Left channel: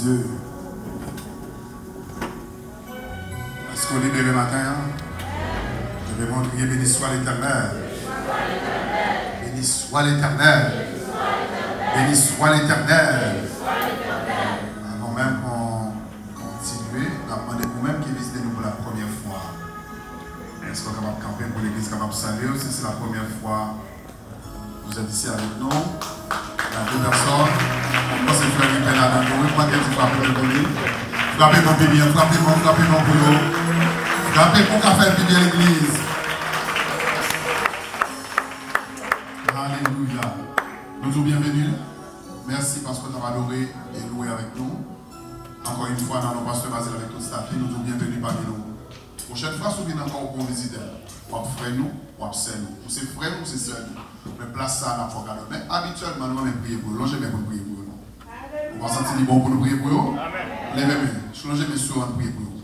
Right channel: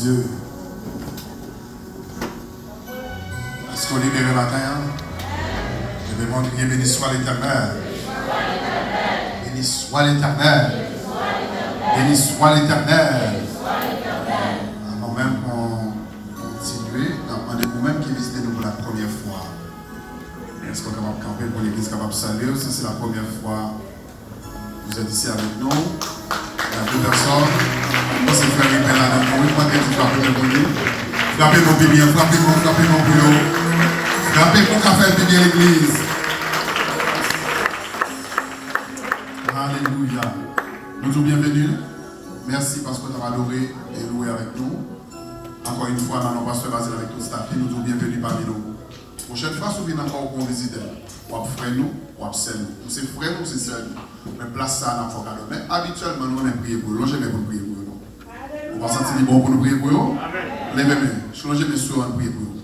Dieu. Est-ce qu'on libère le matin? Je vais crier, béni soit l'Éternel. Béni soit l'Éternel. Béni soit l'Éternel. Avant même qu'on continue, demandez vous-même qui visitez nous pour la première fois. Est-ce qu'on est capable de camper pour l'église, capable de saluer? Si c'est la première fois, vous êtes ici avec nous. Il y a deux personnes. On c'est faire une peine à la nous. Pas qu'elle frappe le bonnet. Frappez mon bien, frappez mon bouillon. Frappez mon café bien l'église. Alléluia. Nous tous bienvenus. Merci parce que nous avons adoré et loué avec nous. Encore une fois, dans nos pasteurs basés avec tout staff, nous tous bienvenus parmi nous. Prochaine fois, si vous venez encore au visiteur, ou à frère nous, ou à sœur nous. Ou c'est frère nous, c'est sœur nous. Mais place ça dans le focal. Mais habituellement, nous on prier pour eux. Longez pour prier pour eux. On va sentir bon pour nous prier pour eux. Levez-moi. Longez mes soeurs pour prier pour eux.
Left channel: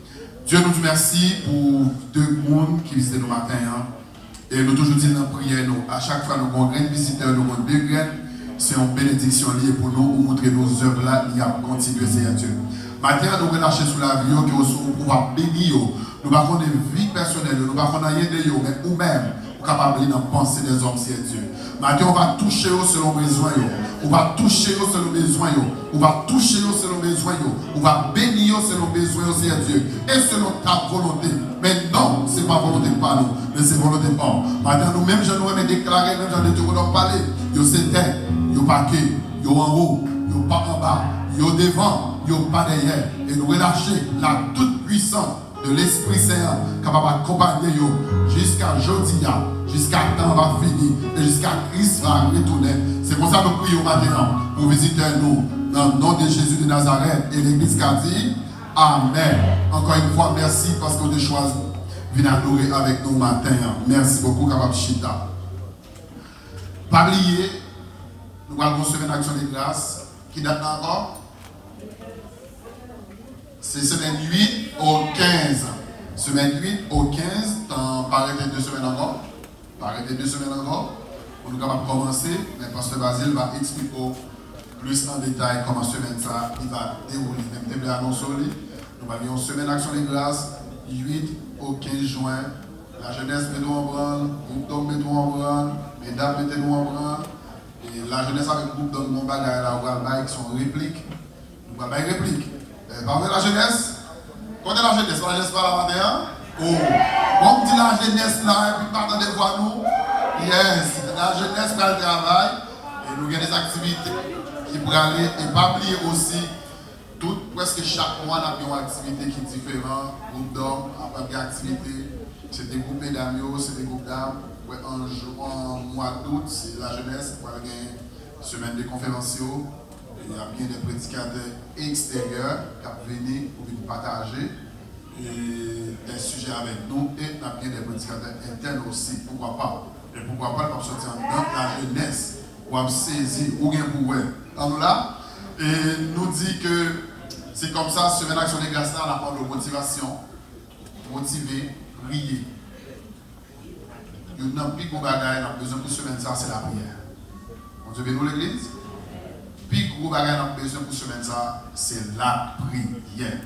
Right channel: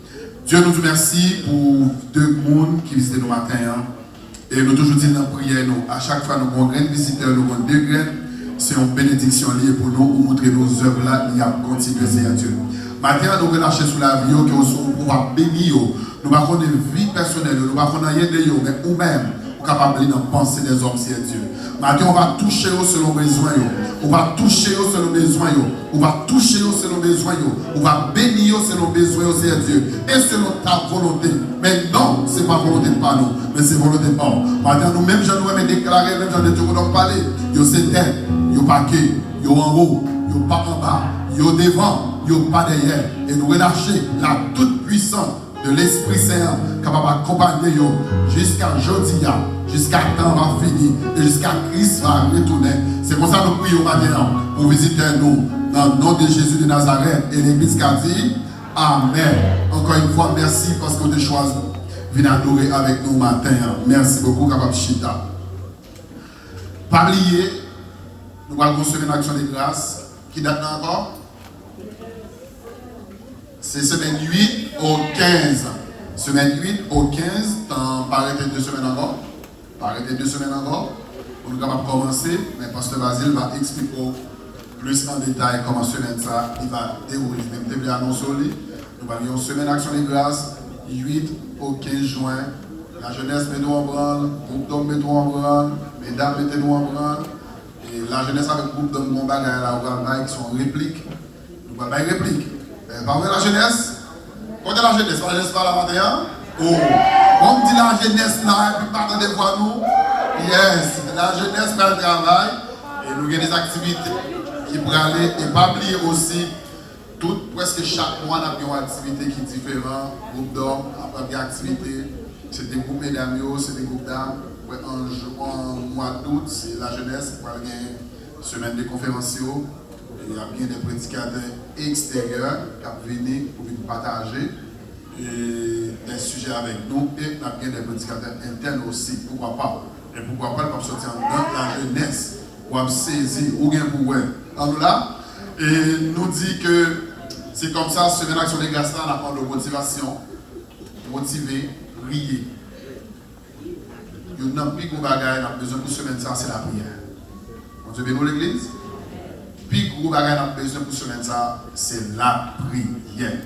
Dieu nous remercie pour deux mondes qui visitent nos matins. Et nous toujours disons dans la prière, à chaque fois nous avons un grand visiteur, nous avons deux graines. C'est une bénédiction liée pour nous, pour montrer nos œuvres là, il y a continué, Seigneur Dieu. Maintenant, nous relâchons sur la vie, que nous sommes pouvoir bénir. Nous ne avons pas de vie personnelle, nous ne avons pas rien de vous, mais nous-mêmes, nous sommes capables de penser des hommes, Seigneur Dieu. Maintenant, on va toucher selon besoin. On va toucher selon besoin. On va toucher selon besoin. On va bénir selon besoin, Seigneur Dieu. Et selon ta volonté. Mais non, ce n'est pas volonté de pas nous, mais c'est volonté de pas. Maintenant, nous-mêmes, je nous ai déclaré, même j'en ai tout parlé. Yo c'est terre, yo paquet, yo en haut, yo pas en bas, yo devant, yo pas derrière. Et nous relâcher la toute puissance de l'Esprit Saint capable d'accompagner jusqu'à jeudi, jusqu'à temps va finir et jusqu'à Christ va retourner. C'est pour ça que nous prions maintenant pour visiter nous dans le nom de Jésus de Nazareth et l'Église qui a dit Amen. Encore une fois, merci parce que vous avez choisi de venir adorer avec nous matin. Merci beaucoup, capable Chita. Pas oublier, nous allons recevoir une action de grâce qui date encore. C'est semaine 8 au 15. Semaine 8 au 15, pas arrêter 2 semaines encore. Pas arrêter 2 semaines encore. Pour nous capables de commencer, mais Pasteur Basile va expliquer plus en détail comment semaine ça il va dérouler. Même début annonce nous allons une semaine d'action de grâce 8 au 15 juin. La jeunesse mettons en branle, groupe d'hommes mettons en branle, mesdames mettons en branle. Et la jeunesse avec groupe d'hommes mon bagage là, on va qui sont répliques. Nous allons faire réplique. Par contre, la jeunesse, quand la jeunesse, la jeunesse par la matin, oh, on dit la jeunesse là, et puis pas de voir nous. Yes, la jeunesse va le travail, et nous avons des activités qui pourraient aller, et pas oublier aussi, presque chaque mois, on a une activité qui est différente, groupe d'hommes, après une activité, c'est des groupes mesdames, c'est des groupes dames, en mois d'août, c'est la jeunesse, pour avoir une semaine de conférences. Il y a bien des prédicateurs extérieurs qui viennent pour venir partager des sujets avec nous et il y a bien des prédicateurs internes aussi. Pourquoi pas? Et pourquoi pas, pour sortir dans la jeunesse, pour saisir ou bien pour eux. Nous là, et nous dit que c'est comme ça, semaine action de grâce, on apprend de motivation, motiver, prier. Il y a un plus gros bagage, on a besoin pour semaine, ça c'est la prière. On te bénit l'église? Puis, gros bagage dans besoin pour semaine, ça, c'est la prière.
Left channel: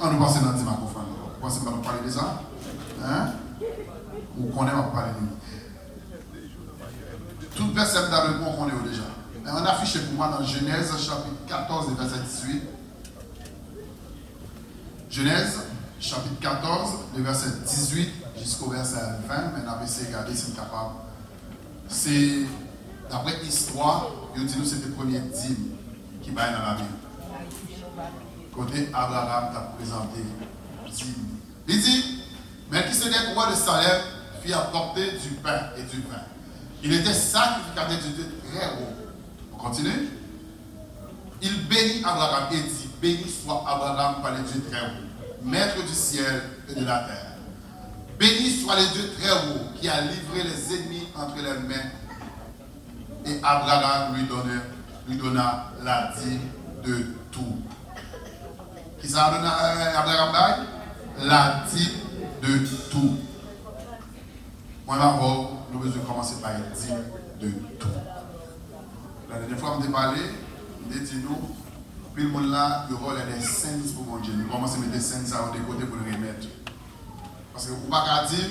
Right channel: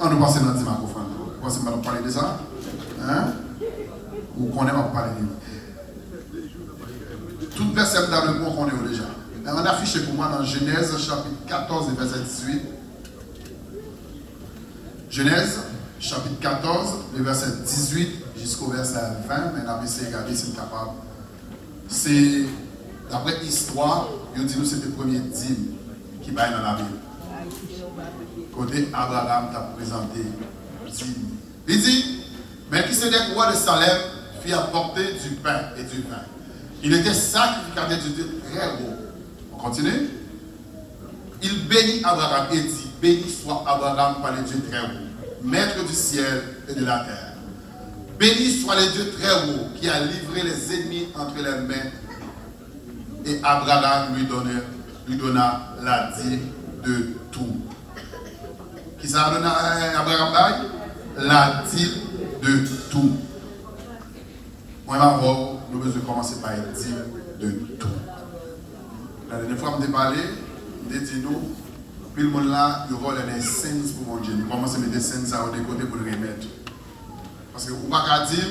On nous passe dans le dimanche, vous pensez que je vais parler de ça? Hein? Ou qu'on aime parler de nous? Toute personne dans le monde qu'on est déjà. On a affiché pour moi dans Genèse, chapitre 14, verset 18. Genèse, chapitre 14, le verset 18 jusqu'au verset 20. Mais on a essayé de regarder si on est capable. C'est, d'après l'histoire, il dit nous c'était le premier dîme qui baille dans la Bible. Côté Abraham t'a présenté dîme. Il dit, mais qui s'était roi de Salem fit apporter du pain et du vin. Il était sacrificateur de Dieu très haut. On continue. Il bénit Abraham et dit, béni soit Abraham par le Dieu très haut, maître du ciel et de la terre. Béni soit le Dieu très haut qui a livré les ennemis entre les mains. Et Abraham lui donna la dîme de tout. Qui ça a donné à Abraham? La dîme de tout. Moi, d'abord, nous devons commencer par une dîme de tout. La dernière fois, on m'a parlé, il dit nous, Puis le monde là, il vole des scènes pour mon Dieu. Il commence à mettre des scènes ça de côté pour le remettre. Parce que vous ne pouvez pas dire,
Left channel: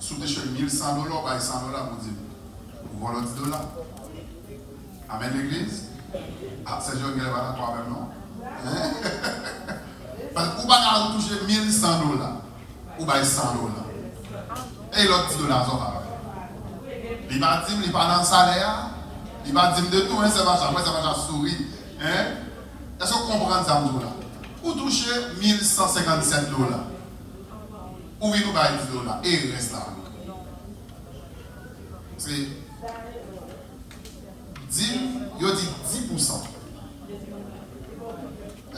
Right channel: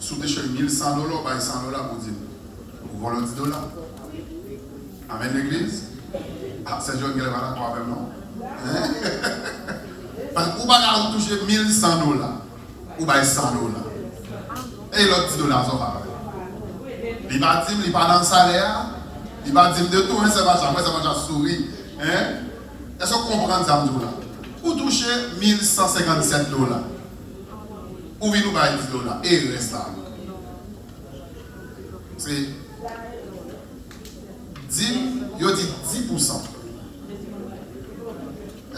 si vous avez 1100 $, vous avez 100 $ pour dire. Vous volez 10 $. Amen l'église. Ah, c'est Dieu qui est là pour même, non? Parce que vous ne pouvez pas toucher 1100 $. Vous avez 100 $. Et l'autre 10 $, ça va. Il ne va pas dire, il ne va pas dans le salaire. Il ne va pas dire de tout, c'est pas ça. Moi, ça va sourire. Est-ce que vous comprenez ça, là? Vous touchez 1157 $. Ou vous nous baillez 10 $. Et il reste là. C'est 10, il dit 10%.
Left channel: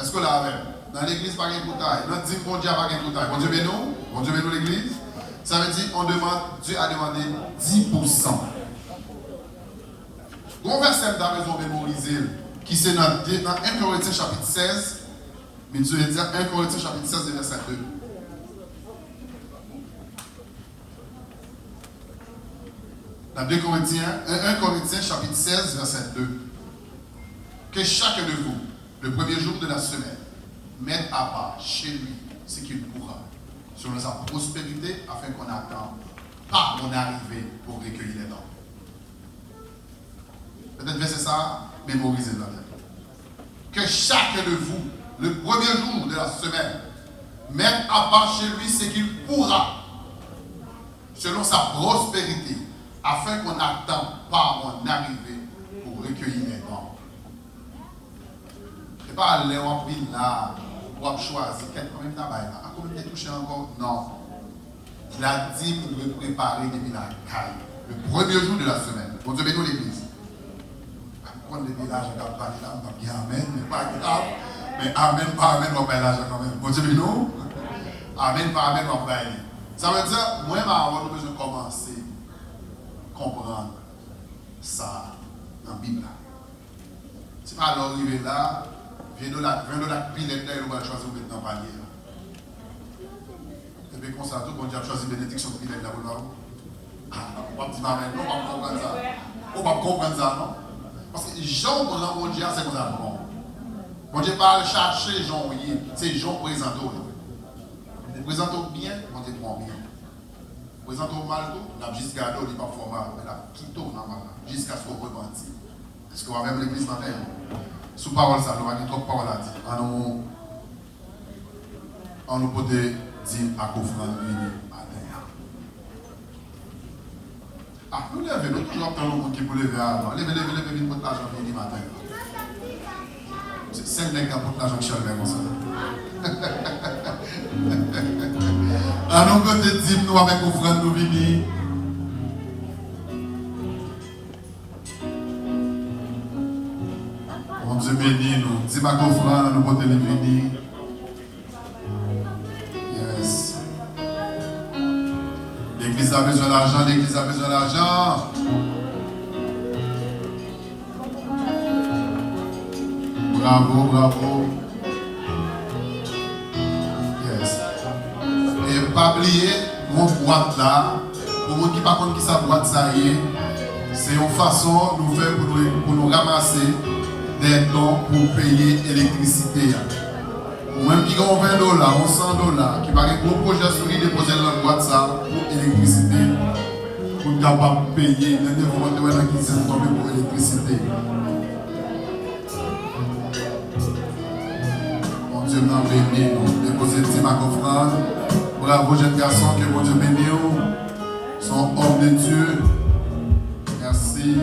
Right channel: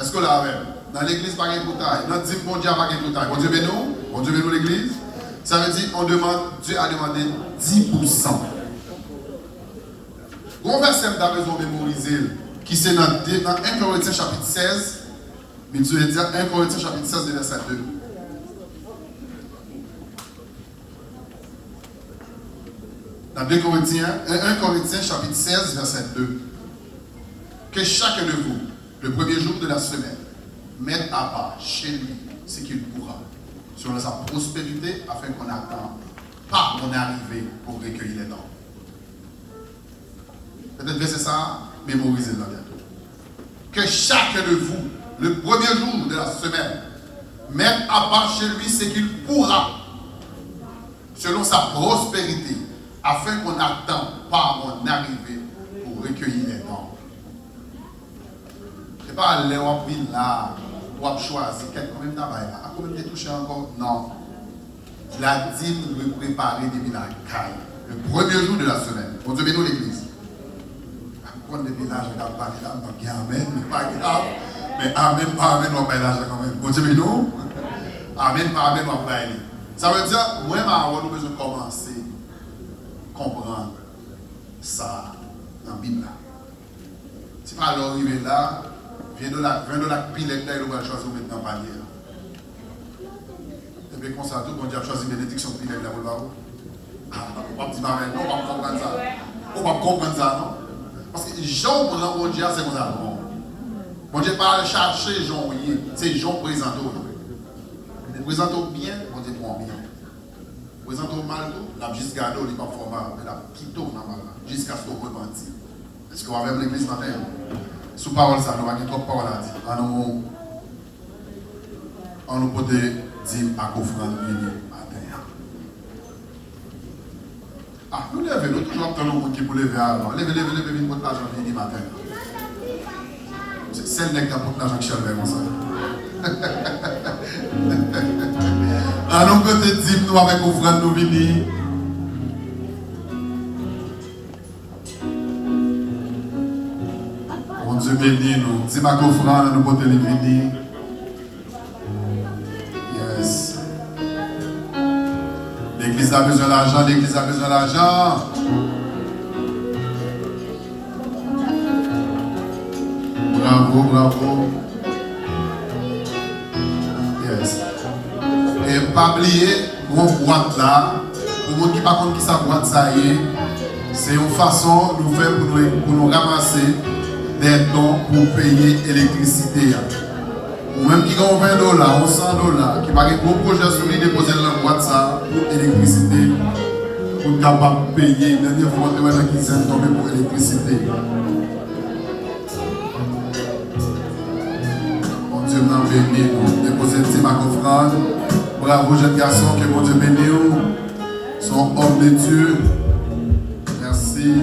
Est-ce que là, dans l'église, pas de taille. Dans 10, bon Dieu, pas de taille. Bon Dieu, bénou. Bon Dieu, bénou l'église. Ça veut dire Dieu a demandé 10%. Bon verset que vous avez mémorisé, qui c'est dans 1 Corinthiens chapitre 16, mais Dieu veut dire 1 Corinthiens chapitre 16, verset 2. Dans 1 Corinthiens chapitre 16, verset 2. Que chacun de vous, le premier jour de la semaine, mette à part chez lui ce qu'il pourra, selon sa prospérité, afin qu'on attend pas mon arrivée pour recueillir les dons. Peut-être verset ça, mémorisez-le. Que chacun de vous, le premier jour de la semaine, mette à part chez lui ce qu'il pourra, selon sa prospérité, afin qu'on n'attend pas mon arrivée pour recueillir les dons. Ce n'est pas aller où on là, où on choisit, combien de travail là, combien de toucher encore? Non. La dîme doit préparer depuis la caille, le premier jour de la semaine. Bon Dieu, bénis l'église. Depuis là, je ne garde pas là, donc amen, mais pas grave. Mais amen, pas amen, on va pas là quand même. Bon Dieu, bénis nous. Amen, pas amen, on va pas aller. Ça veut dire, moi, nous avons besoin de commencer à comprendre ça dans la Bible. Si pas alors arriver là, viens de la pilette là, il va choisir maintenant panier. Et bien, comme ça, tout le monde a choisi bénédiction pilette là, vous le voyez. On va dire amen, non, on va comprendre ça. On va comprendre ça, non? Parce que Jean, pour mon Dieu, c'est comme ça. Mon Dieu, pas chercher Jean, c'est Jean présenté. Vous présentez bien, mon Dieu prend bien. Vous présentez mal, la juste gardé, il n'est pas formal, mais la quitté jusqu'à ce qu'on repentit. Est-ce que vous avez l'église ce matin? Sous parole, ça, nous avons trop de paroles à dire. On nous peut dire à qu'offrande venir matin. Ah, nous levons, nous toujours attendons qui pour lever avant. Levez, venez pour l'argent venir matin. C'est le nec qui apporte l'argent qui cherche comme ça. À nous côté dire nous avec offrande nous venir. Mon Dieu béni nous. Dis ma offrande nous côté les venir. Yes. L'église a besoin d'argent, l'église a besoin d'argent. Bravo, bravo. Yes. Et pas oublier, mon boîte là, pour les gens qui ne savent pas qui sa boîte ça y est, c'est une façon de nous faire pour nous ramasser des dons pour payer l'électricité. Ou même qui ont 20 $, ou 100 $, qui va un gros projet sur lui, déposer dans la boîte ça pour l'électricité, pour être capable de payer les défenseurs qui sont tombés pour l'électricité. Mon Dieu m'a béni, nous déposer ma offrande. Bravo, jeunes garçons, que mon Dieu bénisse. Sont hommes de Dieu. Merci.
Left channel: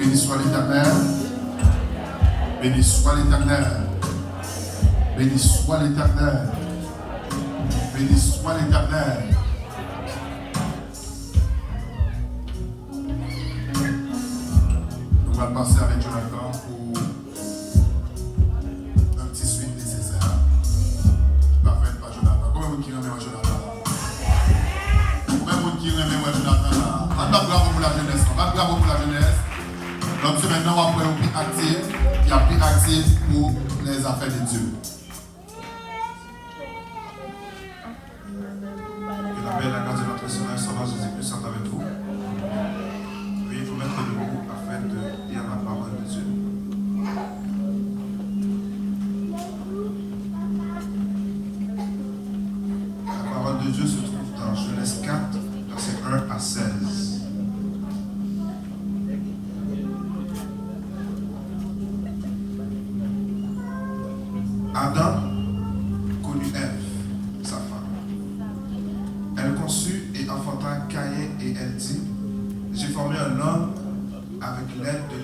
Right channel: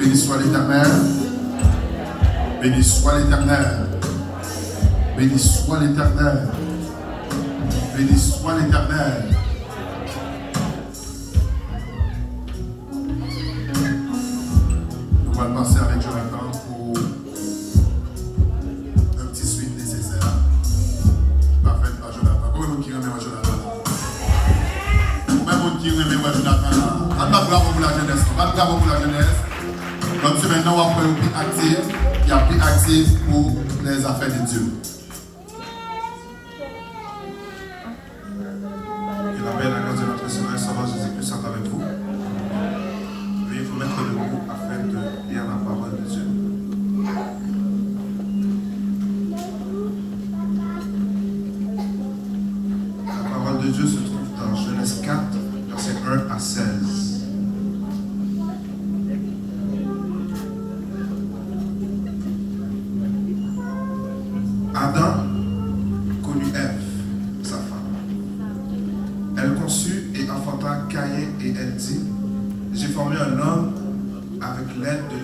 Béni soit l'Éternel. Béni soit l'Éternel. Béni soit l'Éternel. Béni soit l'Éternel. Nous allons passer avec Jonathan pour un petit suite nécessaire. Parfait, pas Jonathan. Combien de monde qui remet Jonathan là? Combien de monde qui remet Jonathan là? On va bravo pour la jeunesse. On va bravo pour la jeunesse. Donc c'est maintenant on va faire un prix actif, qui a pris actif pour les affaires de Dieu.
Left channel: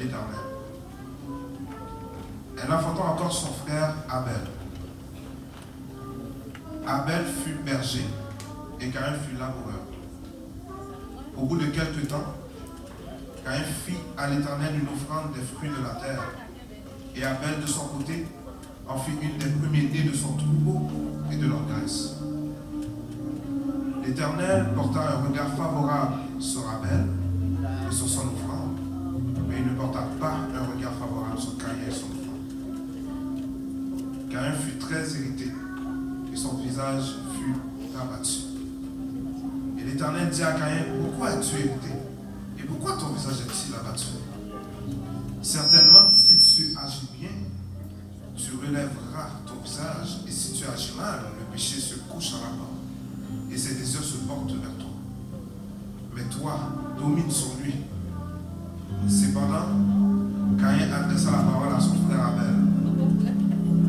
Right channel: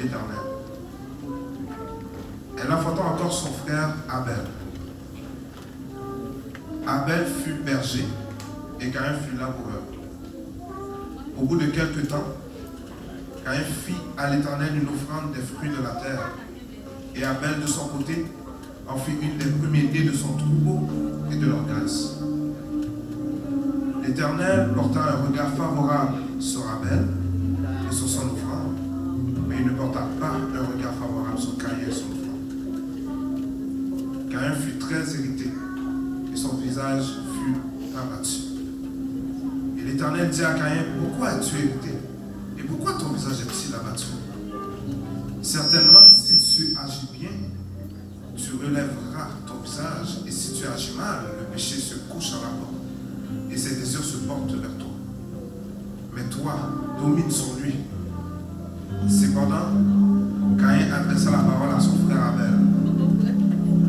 l'Éternel. Elle enfanta encore son frère Abel. Abel fut berger et Caïn fut laboureur. Au bout de quelque temps, Caïn fit à l'Éternel une offrande des fruits de la terre. Et Abel, de son côté, en fit une des premiers-nés de son troupeau et de leur graisse. L'Éternel porta un regard favorable sur Abel et sur son offrande, mais il ne porta pas un regard favorable sur Caïn et son offrande. Caïn fut très irrité et son visage fut abattu. Et l'Éternel dit à Caïn, pourquoi es-tu irrité? Et pourquoi ton visage est-il abattu? Certainement, si tu agis bien, tu relèveras ton visage, et si tu agis mal, le péché se couche à la porte, et ses désirs se portent vers toi. Mais toi, domine sur lui. Cependant, Caïn adressa la parole à son frère Abel.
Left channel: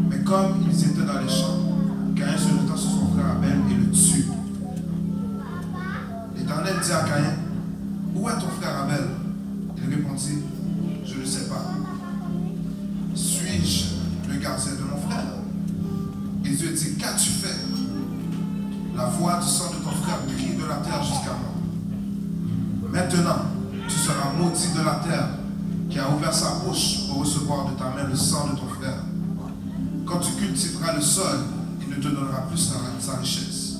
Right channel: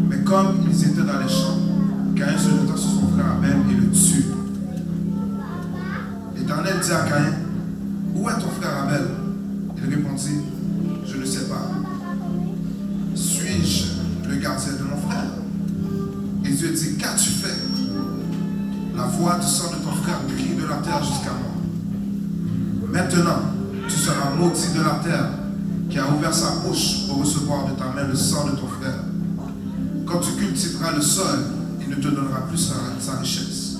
Mais comme ils étaient dans les champs, Caïn se jeta sur son frère Abel et le tue. L'Éternel dit à Caïn, où est ton frère Abel? Il répondit, je ne sais pas. Suis-je le gardien de mon frère? Et Dieu dit, qu'as-tu fait? La voix du sang de ton frère crie de la terre jusqu'à moi. Maintenant, tu seras maudit de la terre qui a ouvert sa bouche pour recevoir de ta main le sang de ton frère. Quand tu cultiveras le sol, il ne te donnera plus sa richesse.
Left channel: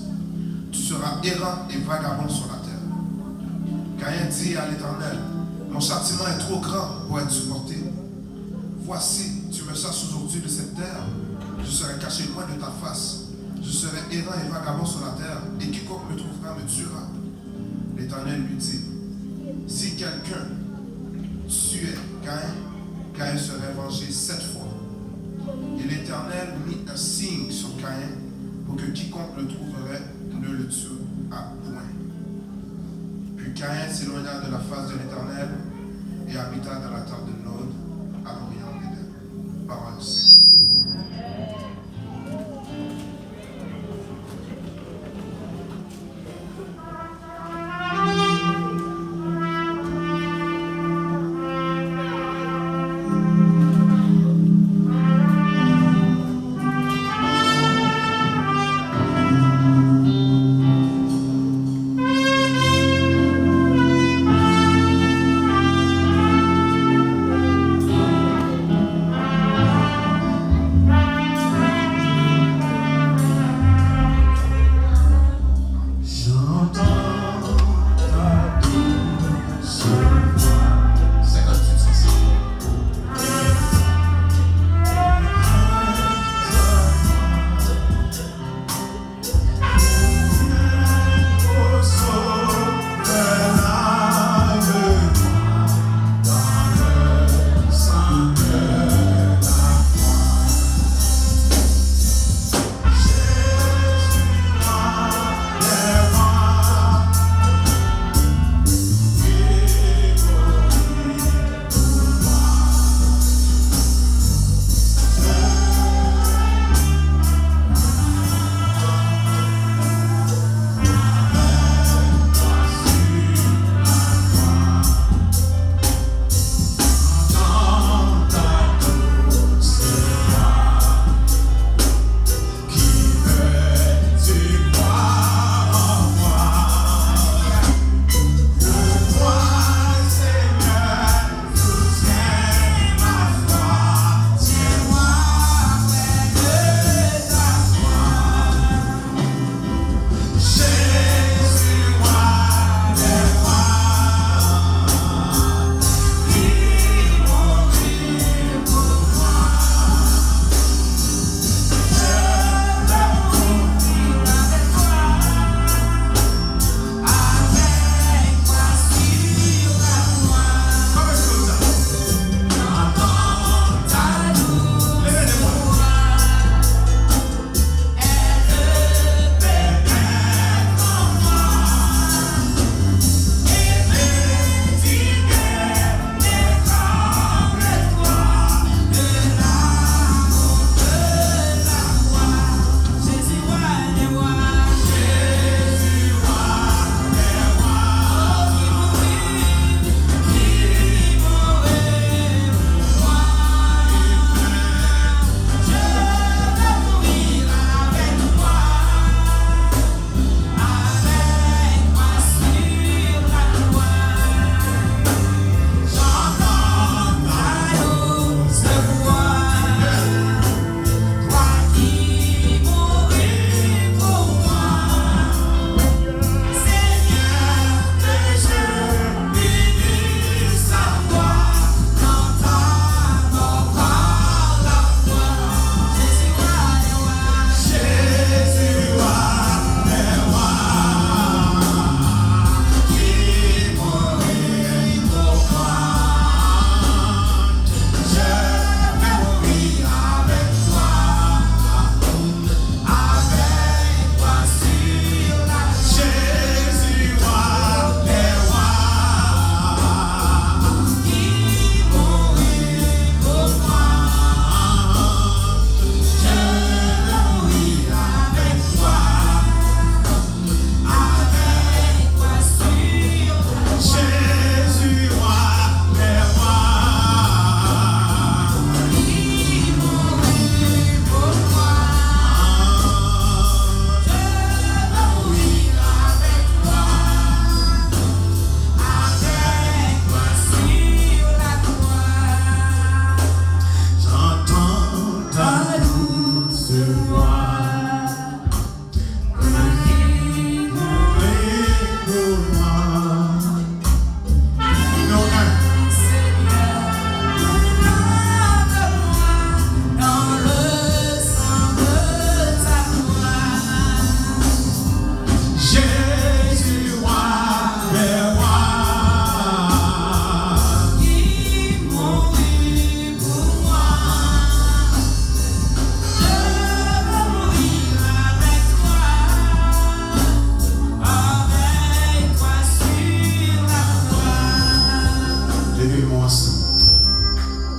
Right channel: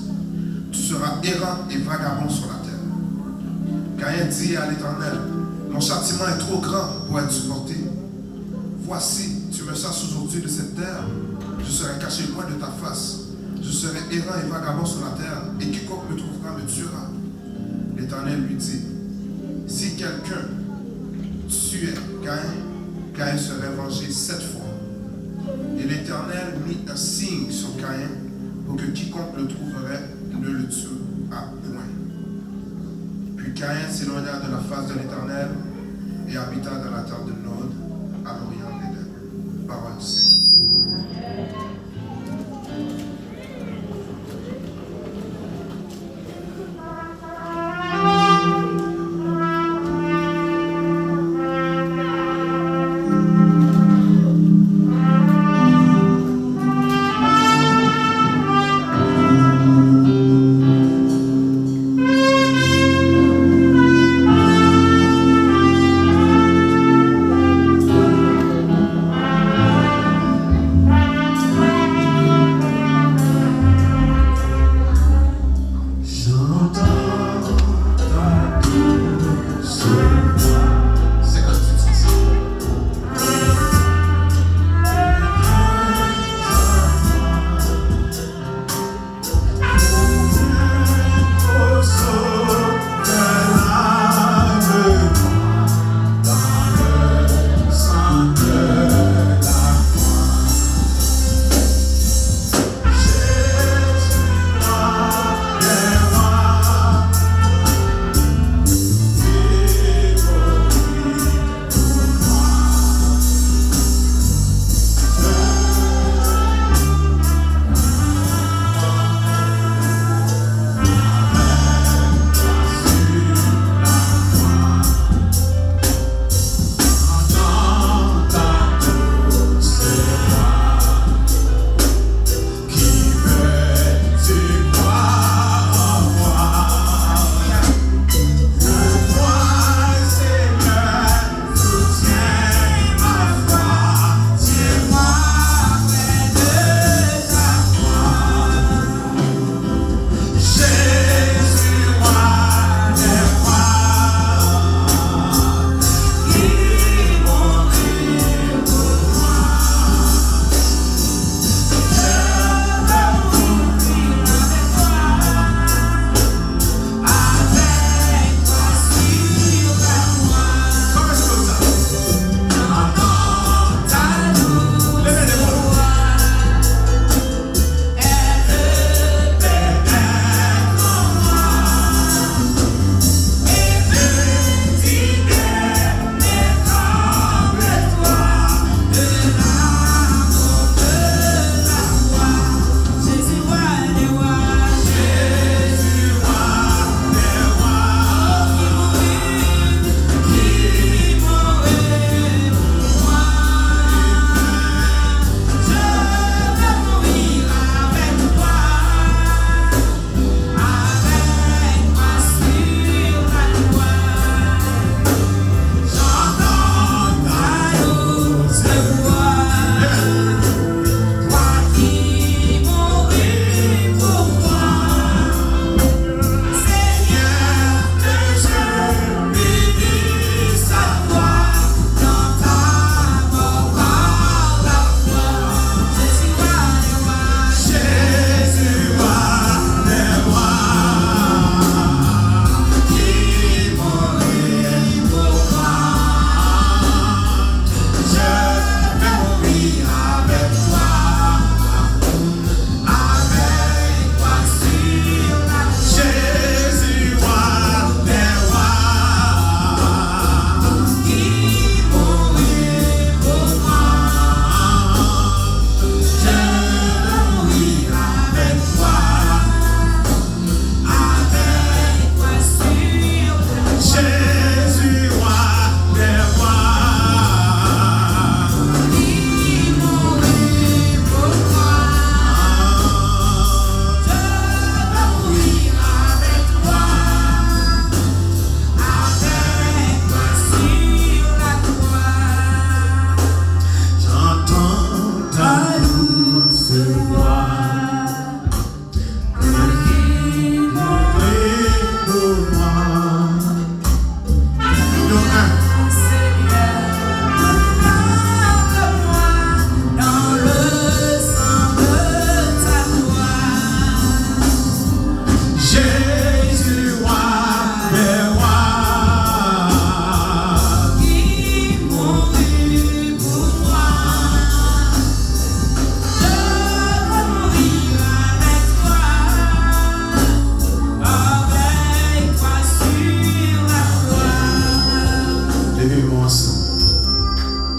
Tu seras errant et vagabond sur la terre. Caïn dit à l'Éternel, mon châtiment est trop grand pour être supporté. Voici, tu me chasses aujourd'hui de cette terre, je serai caché loin de ta face. Je serai errant et vagabond sur la terre, et quiconque me trouvera me tuera. L'Éternel lui dit, si quelqu'un tuait Caïn serait vengé 7 fois. Et l'Éternel mit un signe sur Caïn pour que quiconque le trouverait ne le tue à point. Puis Caïn s'éloigna de la face de l'Éternel et habita dans la terre de Nod, à l'orient d'Éden. Parole du Seigneur.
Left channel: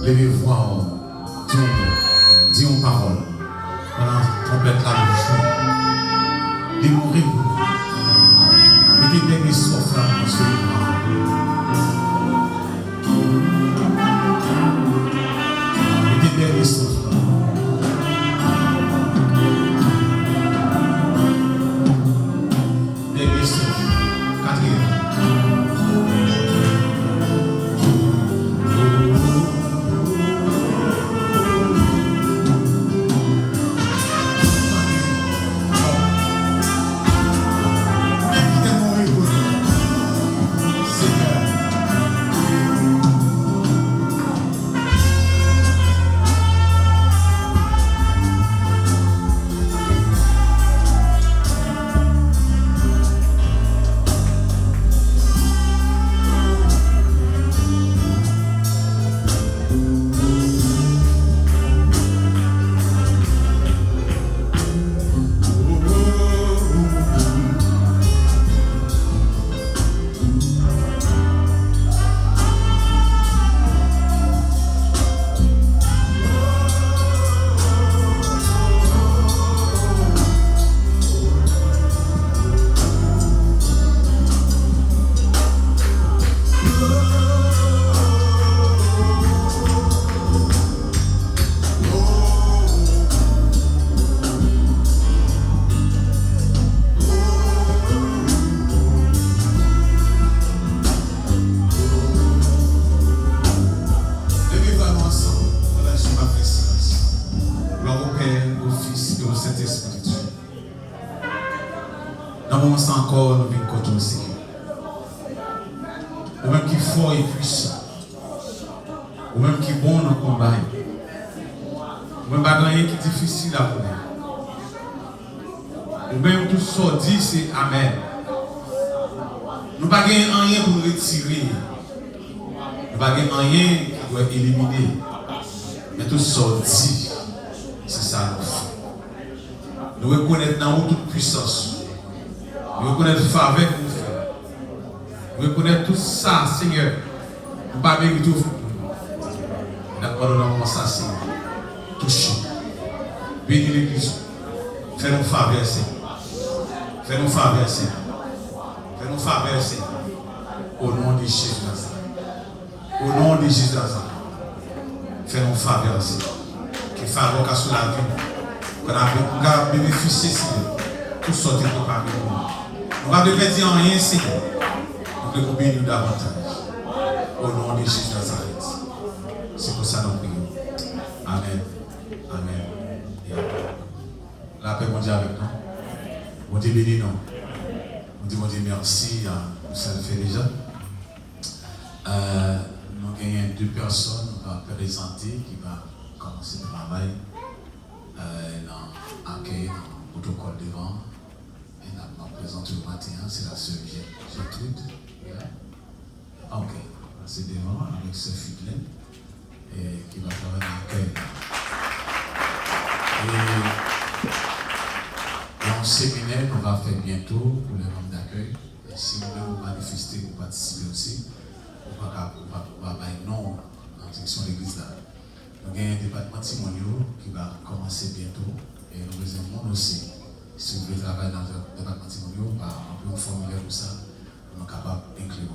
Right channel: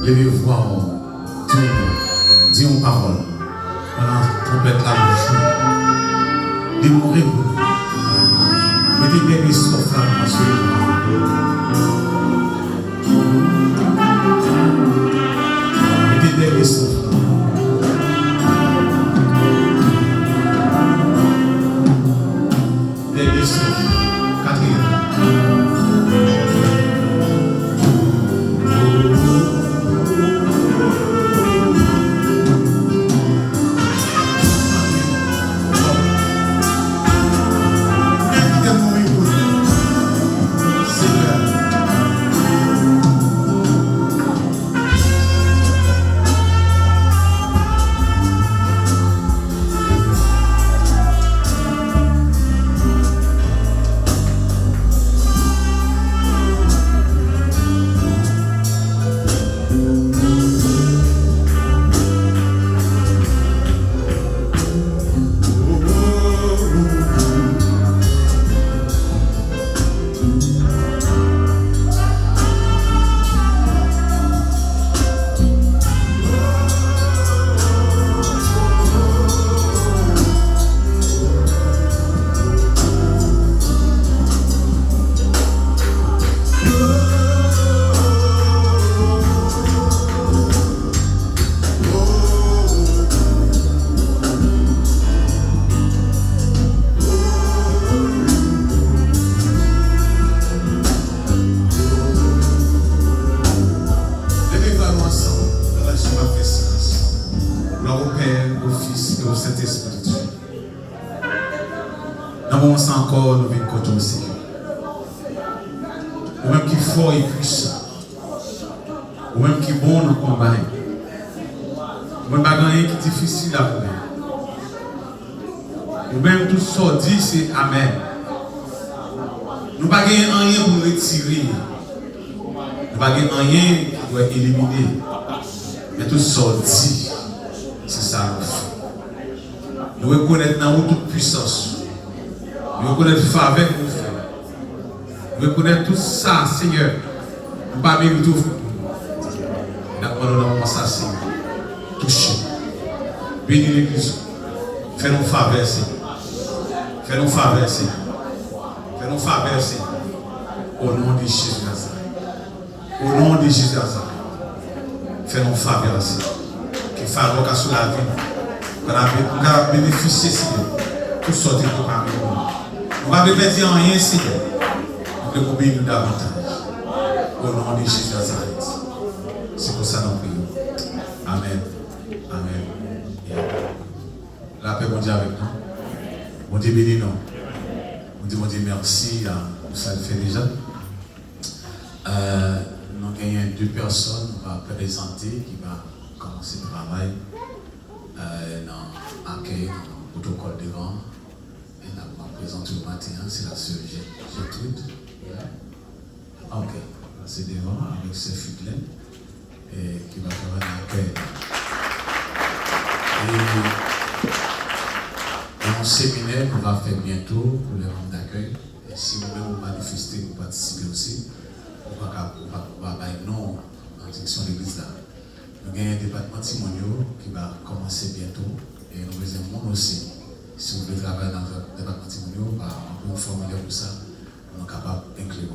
Levez-vous, dis une parole. Pendant la trompette là, vous jouez. Démorez-vous. Mettez des risques là, monsieur. Mettez des risques là. Des risques. Quatrième. Encore, nous venons contre aussi. Ou même qui est fort et puissant. Ou même qui est bon dans le combat. Ou même pas gagner qui est difficile à faire. Ou même tout ce qu'on dit, c'est Amen. Nous ne pouvons pas gagner rien pour nous retirer. Nous ne pouvons pas gagner rien qui doit éliminer. Mais tout ce qu'on dit, c'est ça nous fait. Nous reconnaissons dans nous toute puissance. Nous reconnaissons la faveur que nous faisons. Nous reconnaissons tout ça, Seigneur. Nous ne pas mériter tout. Nous avons ça, Seigneur. Touchez. Bénis l'Église. Fais-nous faveur, Seigneur. Fais-nous faveur, Seigneur. Fais-nous faveur, Seigneur. Au nom de Jésus Nazareth. Au nom de Jésus Nazareth. Fais-nous faveur, Seigneur. Qui faveur qu'à sous la vie. Qu'on a bénéficié, Seigneur. Tout sortir pour parmi nous. On va ne pas dire rien, Seigneur. On veut bénir davantage. Au nom de Jésus Nazareth. C'est pour ça que nous prions. Amen. Amen. La paix, mon Dieu, avec nous. Mon Dieu, bénis nous. On dit, mon Dieu, merci. Ça le fait déjà. Nous avons deux personnes. On va présenter qui va commencer le travail dans l'accueil, dans le protocole devant. Présente le matin, c'est la sœur Gertrude. Ok, c'est devant avec ce Fidèle qui va faire un accueil. Et un séminaire qu'on va faire bientôt pour les membres d'accueil. Et si vous-même vous manifestez, vous participez aussi, on va faire non en direction de l'église là. Nous avons un département Timonio qui va commencer bientôt et nous avons aussi. Si vous voulez travailler dans le département Timonio, on peut vous formuler pour ça, on est capable d'inclure.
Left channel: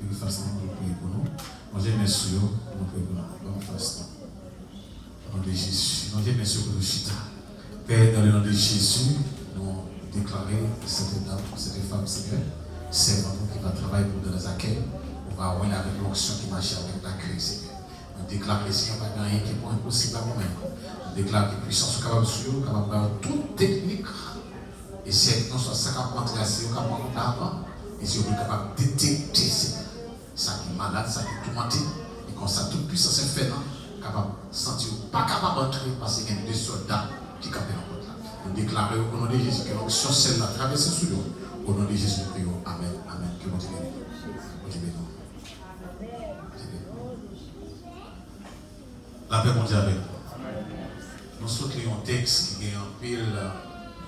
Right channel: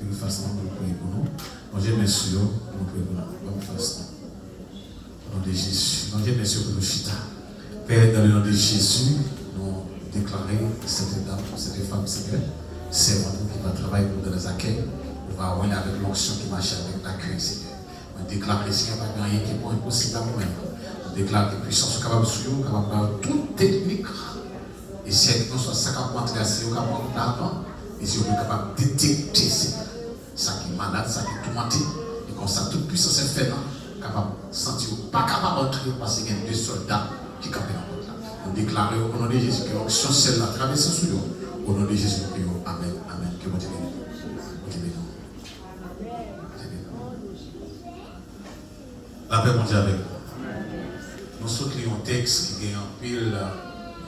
De toute façon, vous pouvez pour nous. Mon Dieu, merci, vous pouvez pour nous. Bonne façon. Au nom de Jésus. Mon Dieu, merci pour nous, Chita. Père, dans le nom de Jésus, nous déclarons cette dame, cette femme, Seigneur, c'est moi qui va travailler pour dans les accueils. On va avoir avec l'onction qui marche avec l'accueil, Seigneur. On déclare que Seigneur, pas rien qui est impossible à nous-mêmes. On déclare que les puissances sont capables de suivre, capables de faire toute technique. Et si avec nous, ça capable de rentrer, c'est capable d'avant. Et si on est capable de détecter ça qui est malade, ça qui est tourmenté. Et comme ça, toute puissance est faite, capable de sentir, pas capable d'entrer parce qu'il y a deux soldats qui campent dans le côté là. Nous déclarons au nom de Jésus que l'onction celle-là traverse sous nous. Au nom de Jésus, nous prions. Amen. Amen. Que mon Dieu bénisse. Mon Dieu bénisse. La paix, mon Dieu, avec vous. Nous sommes un texte qui est en pile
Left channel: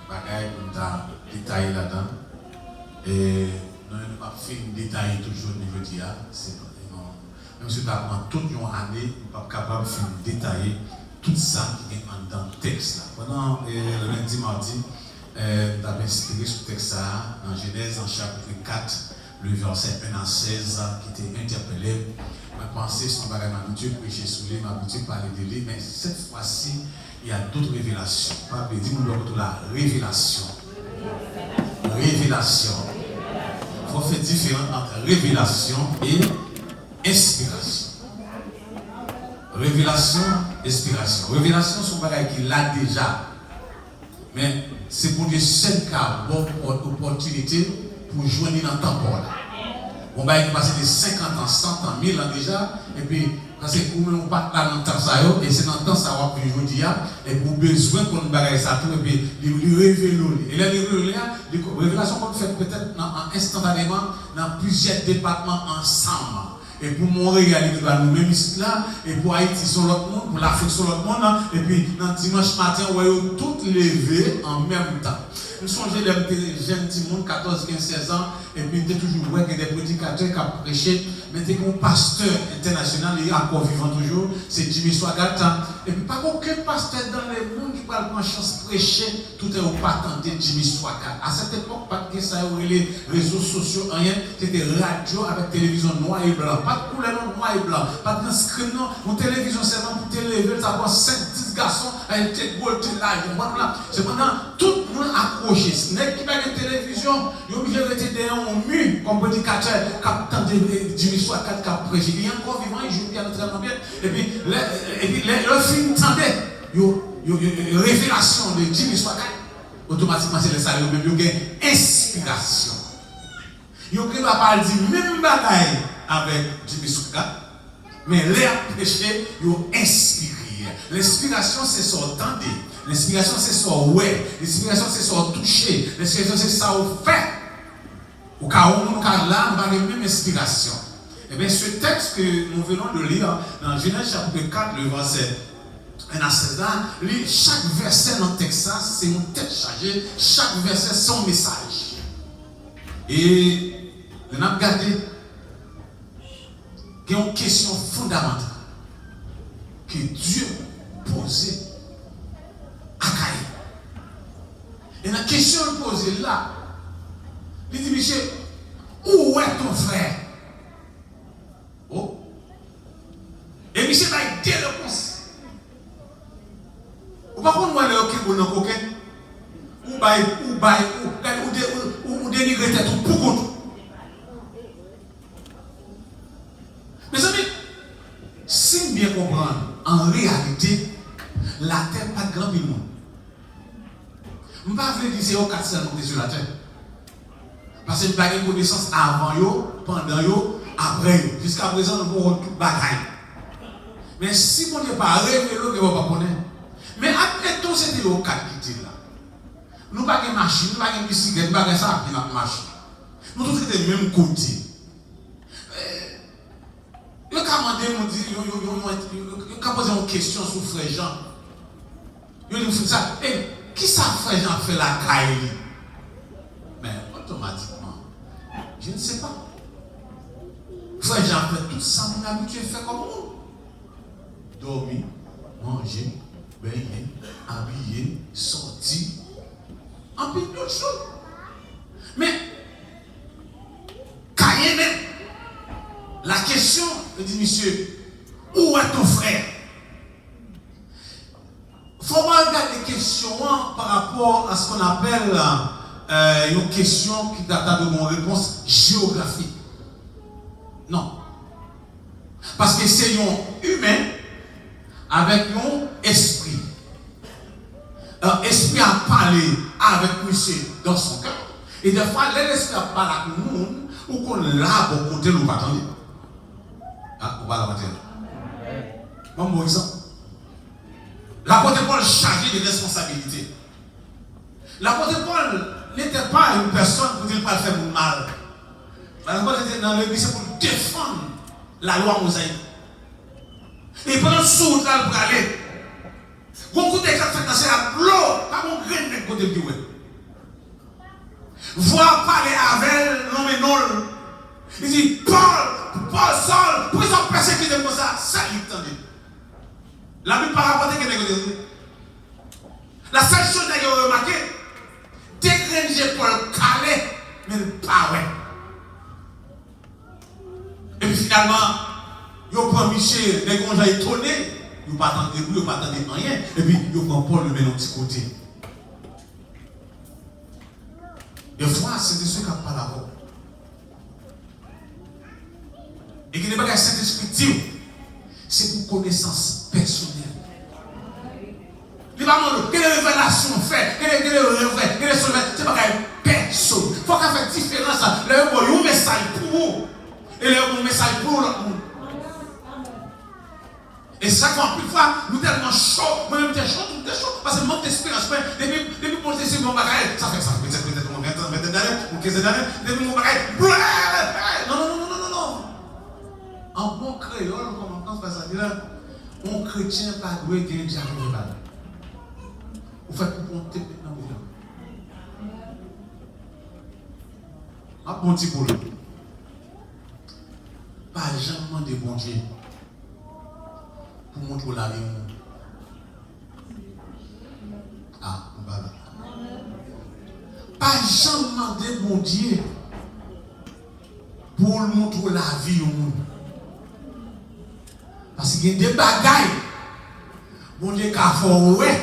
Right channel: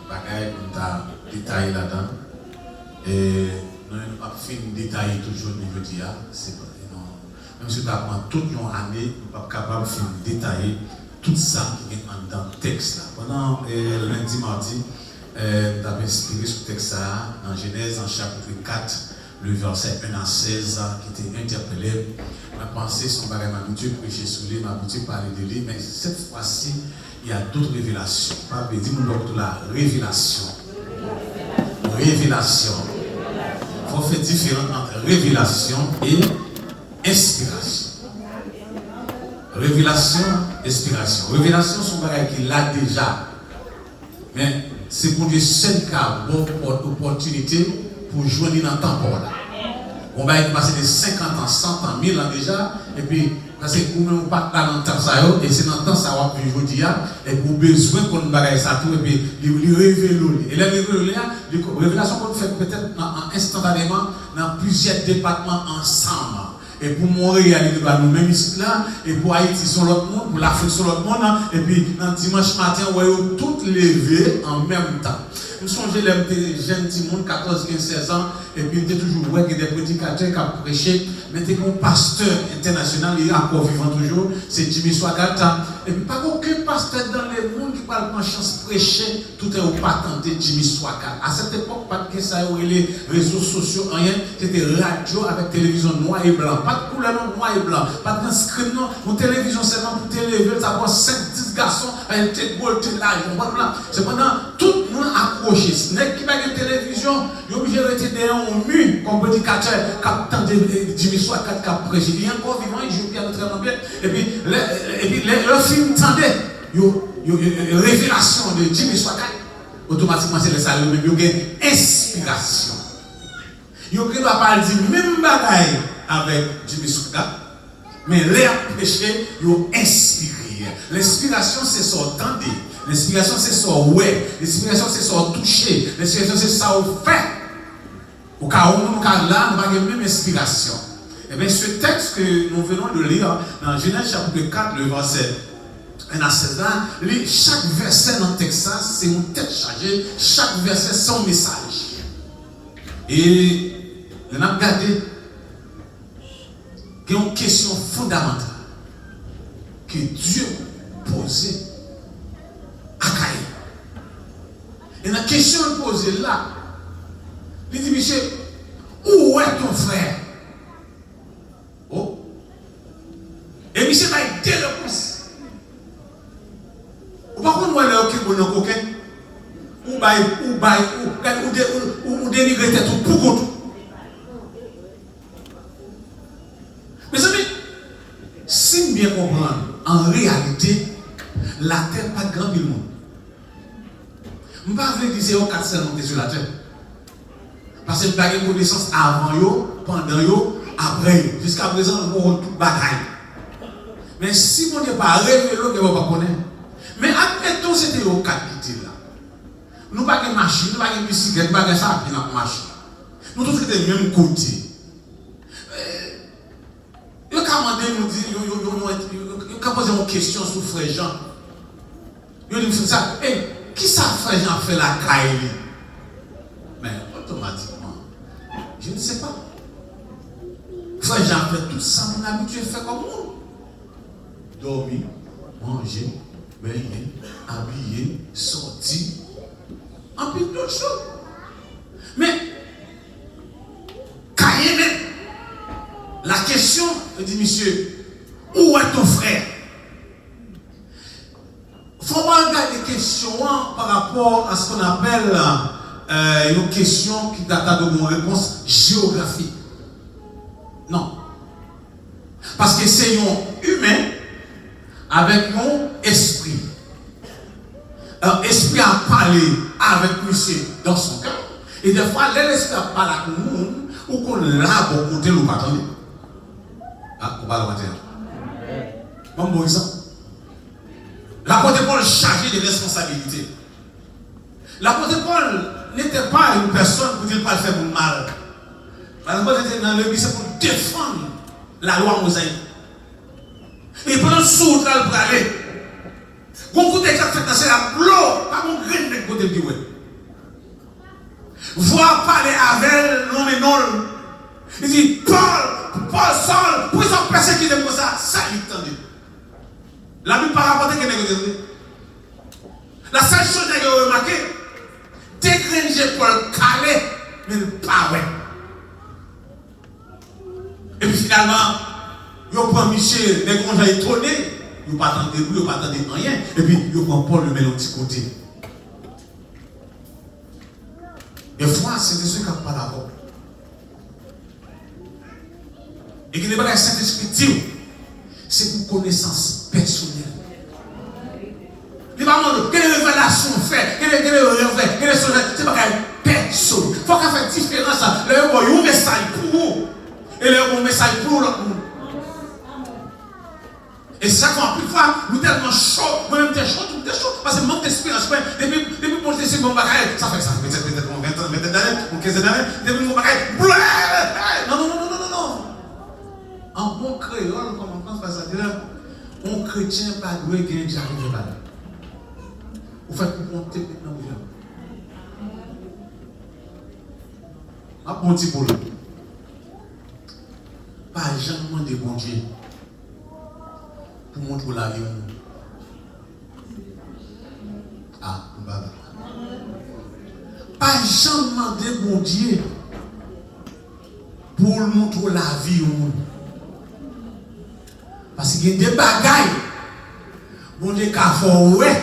bagaille pour nous détailler là-dedans. Et nous n'avons pas fait détailler toujours au niveau d'IA. Même si nous avons toute une année, nous ne sommes pas capables film détaillé tout ça qui est dans le texte. Là. Pendant lundi, mardi, nous avons inspiré ce texte dans Genèse, en chapitre 4, le verset 1 à 16, qui était interpellé. Ma pensée, son bagage, ma habitude prêcher sur lui, ma habitude parler de lui, mais cette fois-ci, il y a d'autres révélations. Pas dis-moi la révélation. Révélation. Il faut faire différence entre révélation et inspiration. Révélation, inspiration. Révélation, c'est un bagage qu'il a déjà. Mais c'est pour des seuls cas, bonne opportunité pour joindre dans le temps là. On va passer de 50 ans, 100 ans, 1000 ans déjà, et puis, parce que nous ne pas dans le temps ça, et c'est dans le temps ça va plus aujourd'hui, et pour besoin qu'on nous bagaille ça tout, et puis, il révèle. Et la révélation qu'on fait peut-être instantanément dans plusieurs départements ensemble. Et pour Montréal, nous sommes même ici là, et pour Haïti, sur l'autre monde, pour l'Afrique, sur l'autre monde, et puis dans dimanche matin, on va toutes lever en même temps. Nous sommes les jeunes petits monde, 14, 15, 16 ans, et puis il y a toujours des prédicateurs qui ont prêché, mais il y a un pasteur international, il est encore vivant toujours, c'est Jimmy Swaggart. Et puis pas aucun pasteur dans le monde qui parle en chance de prêcher, tout est au patenté Jimmy Swaggart. À cette époque, pas de ça, les réseaux sociaux, rien, c'était radio avec télévision noir et blanc, pas de couleur noir et blanc, pas de screen, non, une télévision seulement pour télévision, ça va 5-10 garçons, avec des gold, c'est pendant tout le monde accroché. Ce n'est qui pas une télévision, il est obligé de rester derrière un mur comme prédicateur, captant de Jimmy Swaggart qui a prêché. Il est encore vivant, il joue bien très bien. Et puis, le film tendait, une révélation de Jimmy Swaggart, automatiquement c'est le salaire, mais il y a une inspiration. Il ne va pas dire même bataille avec Jimmy Swaggart, mais les prêcher, ils ont inspiré. L'inspiration, c'est s'entendre. L'inspiration, c'est ça, ouais. L'inspiration, c'est ça, toucher. L'inspiration, c'est ça, faire. Au cas où nous sommes là, nous avons la même inspiration. Et bien, ce texte que nous venons de lire dans Genèse chapitre 4, le verset 1 à 16 ans, chaque verset dans le texte, c'est une tête chargée. Chaque verset, son message. Et nous avons regardé qu'il y a une question fondamentale que Dieu posait à Caïn. Et la question posée là, il dit, monsieur, où est ton frère? Oh. Et monsieur va être des réponses. Ou par contre, nous allons au coquin, ou délivrer tête pour contre. Mes amis, si bien comprendre, en réalité, la terre n'est pas de grand monde. Je ne vais pas dire que c'est au 4 monter sur la terre. Parce que nous n'avons pas de connaissance avant, pendant, après. Jusqu'à présent, nous avons toute bataille. Mais si on n'est pas révélé, on ne va pas connaître. Mais admettons que c'était au 4 qui était là. Nous n'avons pas de machine, nous n'avons pas de bicyclette, nous n'avons pas de ça, nous n'avons pas de machine. Nous tous sommes du même côté. Il y a posé une question sur Frère Jean. Il a dit ça, qui ça Frère Jean fait la caille? Mais automatiquement, je ne sais pas. Frère Jean fait tout ça, mon habitué fait comme nous. Dormir, manger, baigner, habiller, sortir, en plus d'autres choses. Mais, caille même. La question, il dit, monsieur, où est ton frère? Il faut regarder les questions par rapport à ce qu'on appelle une question qui date de mon réponse géographique. Non. Parce que c'est un humain avec un esprit. Un esprit a parlé avec monsieur dans son cœur. Et des fois, l'esprit a parlé avec nous, ou qu'on l'a pour compter ou pas attendre. Ah, on va le dire. Bon exemple. L'apôtre Paul chargé de responsabilité. L'apôtre Paul n'était pas une personne pour dire pas faire mal. L'apôtre était dans l'église pour défendre la loi mosaïque. Et pendant ce temps, il pour aller. Beaucoup de gens fait passer la l'eau, pas mon grain de côté de Dieu. Voir parler avec l'homme et non. Il dit, Paul, Saul, pourquoi ils sont persécutés comme ça? Ça, il tendait. La Bible pas rapporté que négocier. La seule chose que vous remarqué, dégranger pour le calé, mais pas ouais. Et puis finalement, vous prenez Michel, les gens sont étonnés, vous ne pas attendre vous, vous ne pas attendre rien, et puis vous prenez Paul, le met de petit côté. Des fois, c'est des ceux qui n'ont pas d'accord. Et que les bagages Saint-Esprit, c'est pour connaissance personnelle. Les parents, quelle révélation fait, quelle révélation, quelle c'est pas personne. Il faut qu'on fasse différence. Là, il y a un message pour vous. Et là, il y a un message pour l'autre. Et ça, quand plus de fois, nous tellement chaud, moi-même, t'es chaud, parce que manque d'espérance. Depuis que je suis mon bagage, ça fait peut-être 20 ans, ou 15 années, depuis mon bagage, non. En bon créole, comme on pense, ça dit là, un chrétien pas doué gagner déjà arrivé là. Vous faites monter maintenant, vous venez. Un bon petit boulot. Pas jamais de bon Dieu pour montrer la vie. Ah, voilà. Pas jamais de bon Dieu pour montrer la vie. Parce qu'il y a des bagailles, bon Dieu, qu'a fait ouais,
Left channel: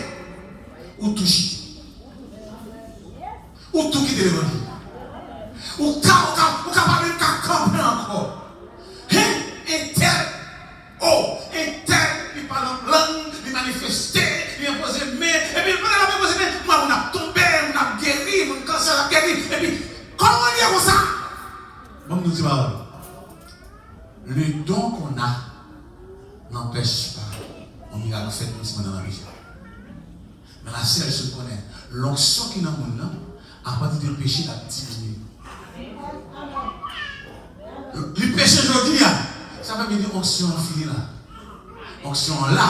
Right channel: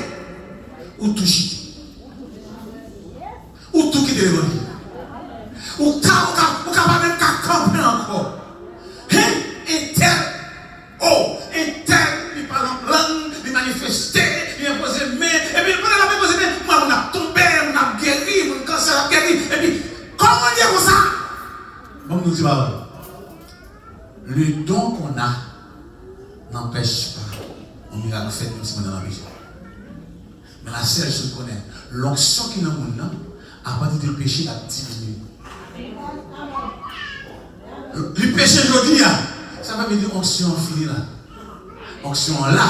ou tout chiter, ou tout quitter le monde, ou pas même qu'à camper encore. Et tel, il parle en langue, il manifeste, il impose main, et puis pendant la impose main, moi, on a tombé, on a guéri, on a cancer, on a guéri, et puis, comment dire comme ça? Bon, nous disons, le don qu'on a, n'empêche pas on miracle fait comme si on est dans la vie. Mais la seule chose qu'on connaît, l'onction qui est dans le monde, à partir du péché, a diminué. Le péché aujourd'hui, ça va me dire onction filée là. Onction là.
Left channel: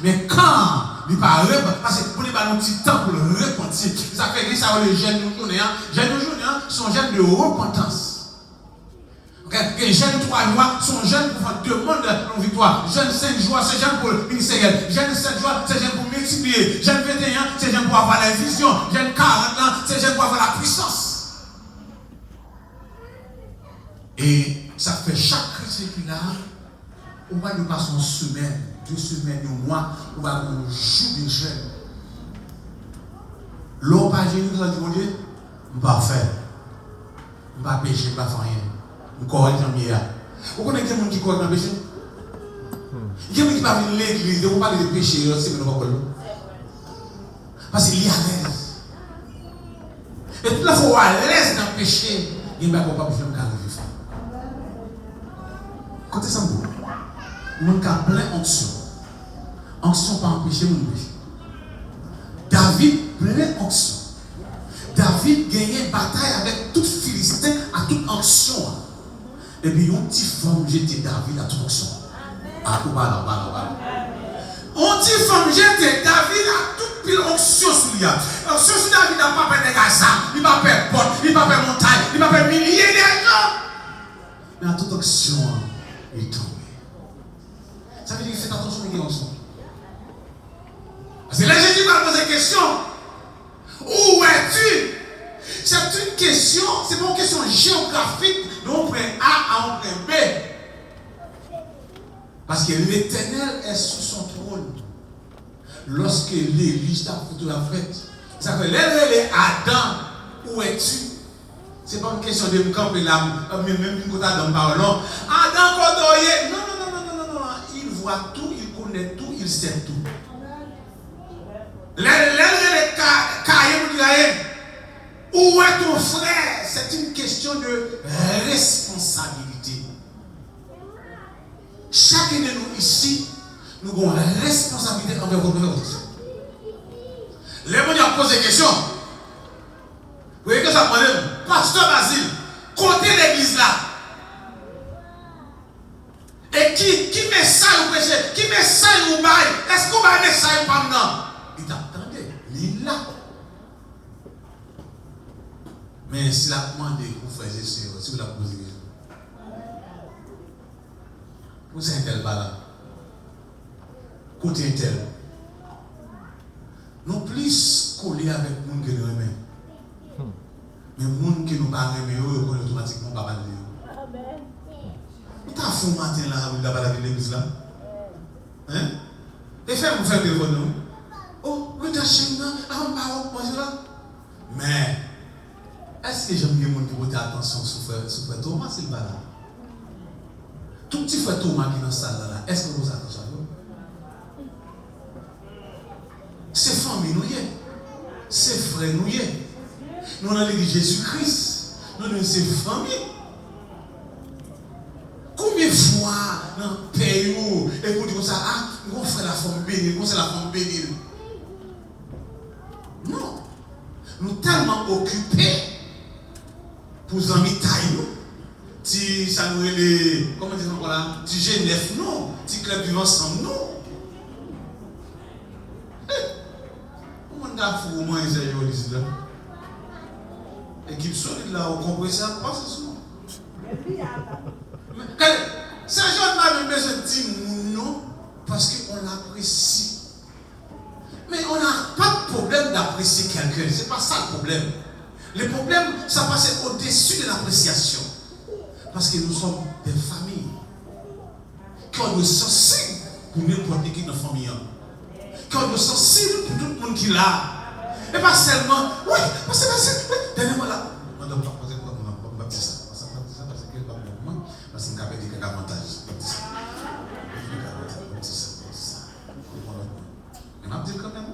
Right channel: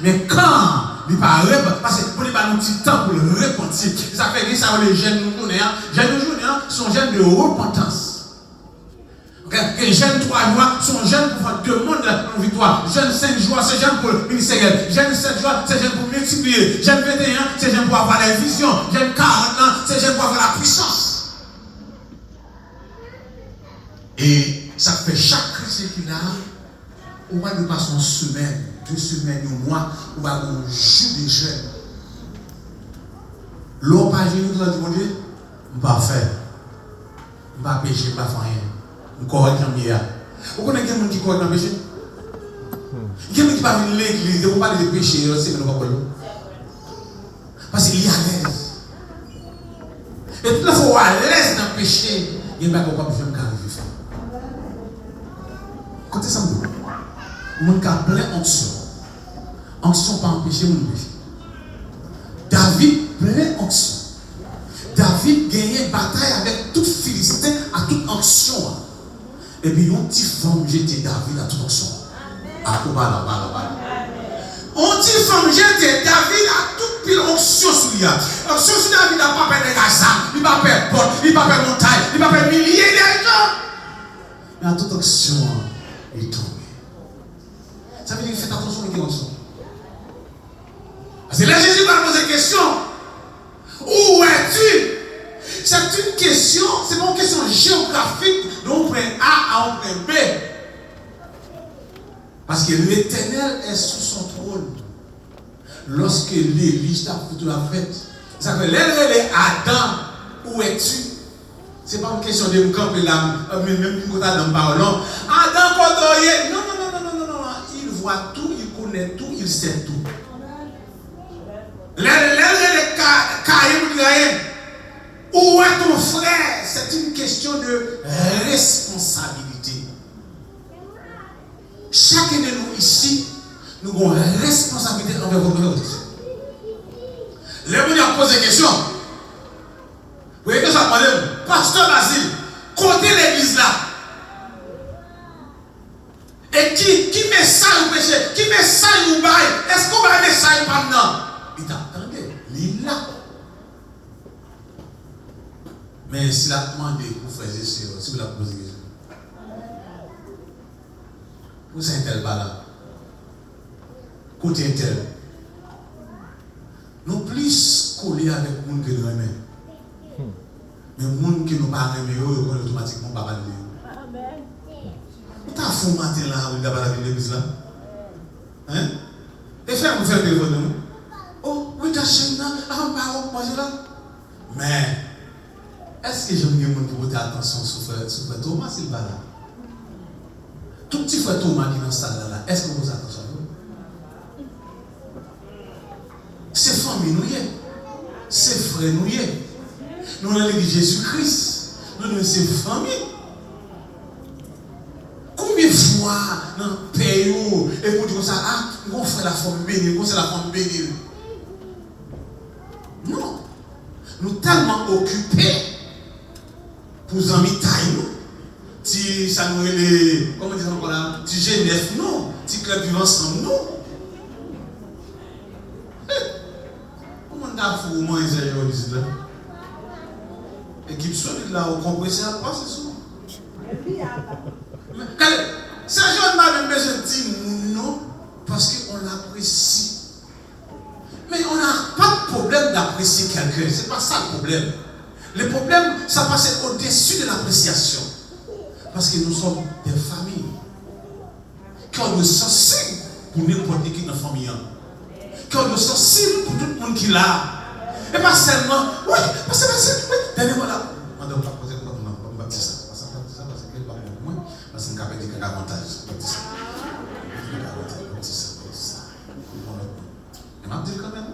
Mais quand il ne pas répondre, parce que pour les ballons un petit temps pour le repentir, ça fait que ça les jeunes nous connaissent. Les jeunes aujourd'hui sont jeunes de repentance. Les jeunes 3 mois sont jeunes pour faire demande de victoire. Jeunes 5 jours, c'est jeunes pour le ministériel. Jeunes 7 jours, c'est jeunes pour multiplier. Jeunes 21, c'est jeunes pour avoir la vision. Jeunes 40 ans, c'est jeunes pour avoir la puissance. Et ça fait chaque chrétien qui a, on va nous passer une semaine, 2 semaines, un mois, on va nous jouer des jeunes. L'homme pas génie, nous a dit, mon Dieu, je ne vais pas faire. Je ne vais pas pécher, je ne vais pas faire rien. Je ne corrige rien. Vous connaissez quelqu'un qui corrige un péché? Quelqu'un qui va venir à l'église, vous parlez de péché, c'est que nous ne pouvons pas. Parce qu'il est à l'aise. Et toute la fois à l'aise dans le péché, il n'y a pas de faire un carré. Quand c'est ça, mon cas plein onction. Onction pas empêcher mon péché. David plein onction. David gagnait bataille avec tout Philistin à toute onction. Et puis, un petit femme jeté David à toute onction. Ah, on dit femme jeté David à toute pile onction sur lui. Onction sur David n'a pas peur de gaz, il n'a pas peur de porte, il n'a pas peur de montagne, il n'a pas peur de milliers de gens. Mais à toute onction, il est tombé. Ça veut dire qu'il fait attention à l'onction. Parce que là, Jésus va poser une question. Où es-tu? C'est une question, c'est pas une question géographique, donc on prend A à on prend B. Parce que l'Éternel est sous son trône. Lorsque l'Église t'a foutu la fête, ça fait l'Éternel Adam, où es-tu? C'est pas une question de me camper là, même quand t'as dans le parlant. Adam, quand il non, il voit tout, il connaît tout, il sait tout. Où est ton frère? C'est une question de responsabilité. Chacun de nous ici, nous avons une responsabilité envers votre frère. Les gens posent des questions. Vous voyez que ça parle, Pasteur Basile, côté l'église là. Et qui met ça au péché? Qui met ça au bail? Est-ce qu'on va mettre ça pendant? Il t'attendait, il est là. Mais s'il a demandé pour frères et sœurs, si vous l'avez posé des questions, pour c'est un tel bas là, côté tel. Nous plus collés avec les gens qui nous aiment. Mais les gens qui nous pas aimés, ils vont automatiquement pas parler. Vous avez fait un matin là, vous avez parlé de l'église là. Hein? Et faire vous faire des téléphone non? Oh, oui, ta chaîne là, avant de manger là. Mais, est-ce que j'aime bien les gens qui portent attention sur frère Thomas s'il va là? Tout petit frère Thomas qui est dans la salle là, est-ce que vous avez attention? C'est famille nous y est. C'est frère nous y est. Nous dans l'église Jésus-Christ. Nous dans ces familles. Combien de fois dans le pays et vous dites ça, ah, on fait la femme bénie, on fait la femme bénie. Non. Nous sommes tellement occupés pour nous amis taille. Si ça nous est, comment dire encore là, si Genève, non. Si club vivant ensemble, non. Comment on a fait au moins les gens ici là? Équipe solide là, au compresseur, pas c'est ça. C'est un jour de ma besoin de dire non, parce qu'on l'apprécie. Mais on n'a pas de problème d'apprécier quelqu'un, c'est pas ça le problème. Le problème, ça passe au-dessus de l'appréciation. Parce que nous sommes des familles. Qu'on nous sensible pour n'importe qui dans la famille. Qu'on nous sensible pour tout le monde qui l'a. Et pas seulement, oui, parce que oui, dernièrement là, on ne doit pas poser quoi, on va dire ça. Parce que quel problème moi, parce que nous avons des avantages. On a dit quand même.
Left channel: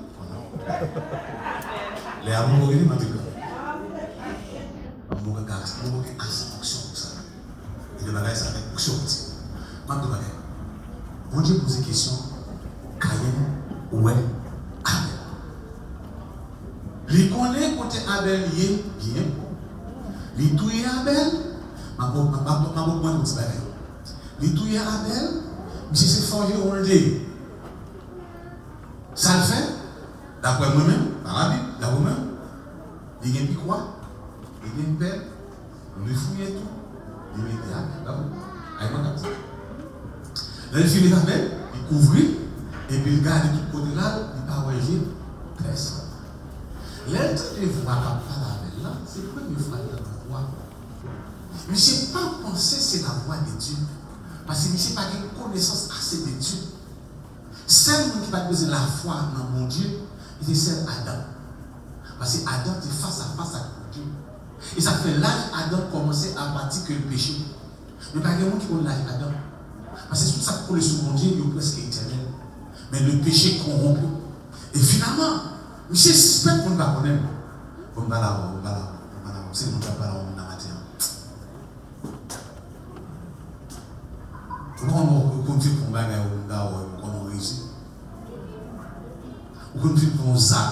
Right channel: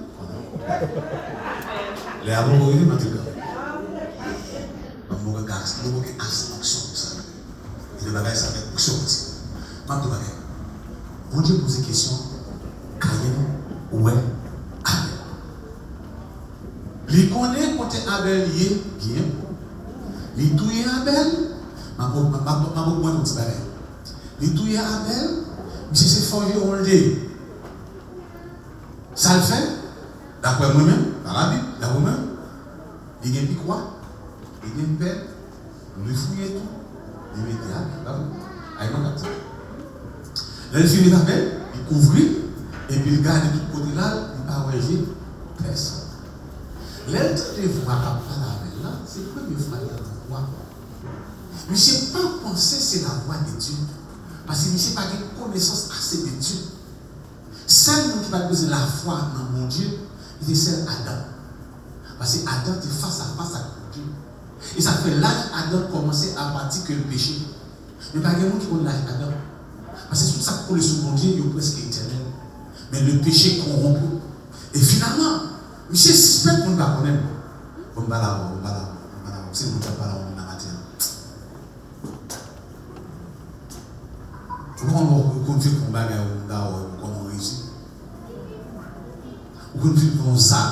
Les amoureux, ils m'ont dit quand même. Amoureux, gaz, amoureux, gaz, action, ça. Il y a des ça avec action aussi. Maintenant, bon Dieu pose une question. Caïn, ouais, Abel. Il connaît côté Abel, il est bien. Il touille Abel, ma bonne petite belle. Il touille Abel, monsieur s'est forgé au lait. Ça le fait, d'après moi-même, dans la Bible, d'après moi-même, il y a une quoi? Il y a une belle, on lui fouille tout, il met des habits, avec mon capteur. Là, il finit d'Abel, il couvre, et puis il garde tout côté là, il ne va pas voyager personne. L'aide de voir à Abel là, c'est la première fois qu'il y a la voix. Mais je n'ai pas pensé que c'est la voix de Dieu, parce que je n'ai pas de connaissance assez de Dieu. Celle qui va poser la foi dans mon Dieu, c'est celle Adam. Parce que Adam est face à face avec Dieu. Et ça fait l'âge Adam commencer à bâtir que le péché. Mais pas quelqu'un qui connaît l'âge Adam. Parce que tout ça qui coule sur mon Dieu, il est presque éternel. Mais le péché corrompu. Et finalement, monsieur suspect qu'on ne va pas connaître. On va là, c'est mon papa là, on a matière. Comment on continue pour gagner on réussit? On continue pour un sac.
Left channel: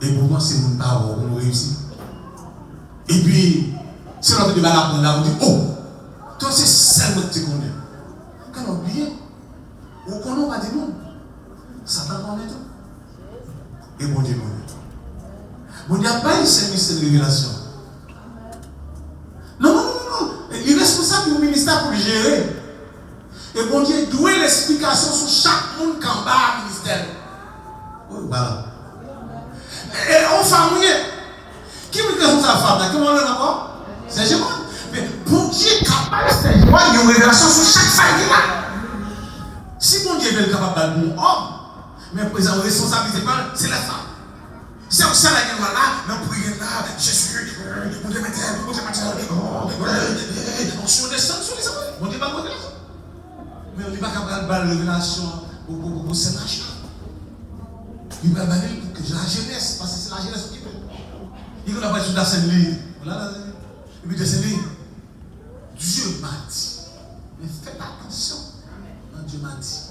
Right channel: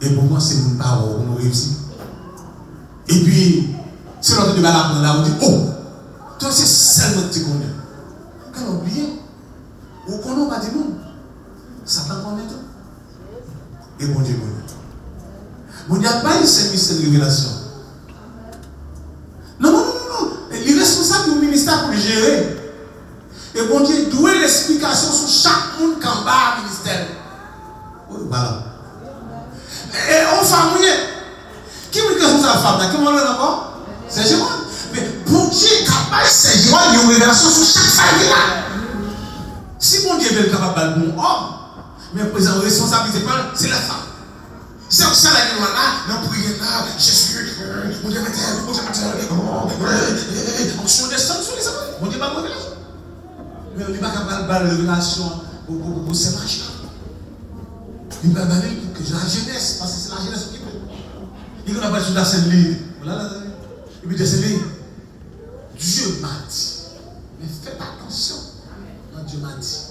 Et pour moi, c'est mon papa on réussit. Et puis, si on a fait des malades, on dit, oh, toi c'est seulement que tu connais. Quand on oublie, on connaît pas de nom. Ça va prendre du temps. Et bon Dieu, bon Dieu. Bon Dieu n'a pas eu cette révélation. Non. Il est responsable du ministère pour le gérer. Et bon Dieu doit l'explication sur chaque monde qui en bas au ministère. Oui, voilà. Et on famille. Qui me dit que c'est la femme? Qui me dit encore? C'est Jéhovah. Mais bon Dieu est capable, c'est Jéhovah, il y a une révélation sur chaque famille là. Si bon Dieu est capable de bon homme, mais présent responsabilité, c'est la femme. C'est pour ça que là, nous prions là, Jésus, mon Dieu matin, on se descend sur les hommes, mon Dieu pas de révélation. Mais on n'est pas capable de révélation pour ces machins. Il va demander que la jeunesse, parce que c'est la jeunesse qui peut. Il n'a pas de la scène libre. Et puis de cette ligne, Dieu m'a dit, mais faites attention, quand Dieu m'a dit.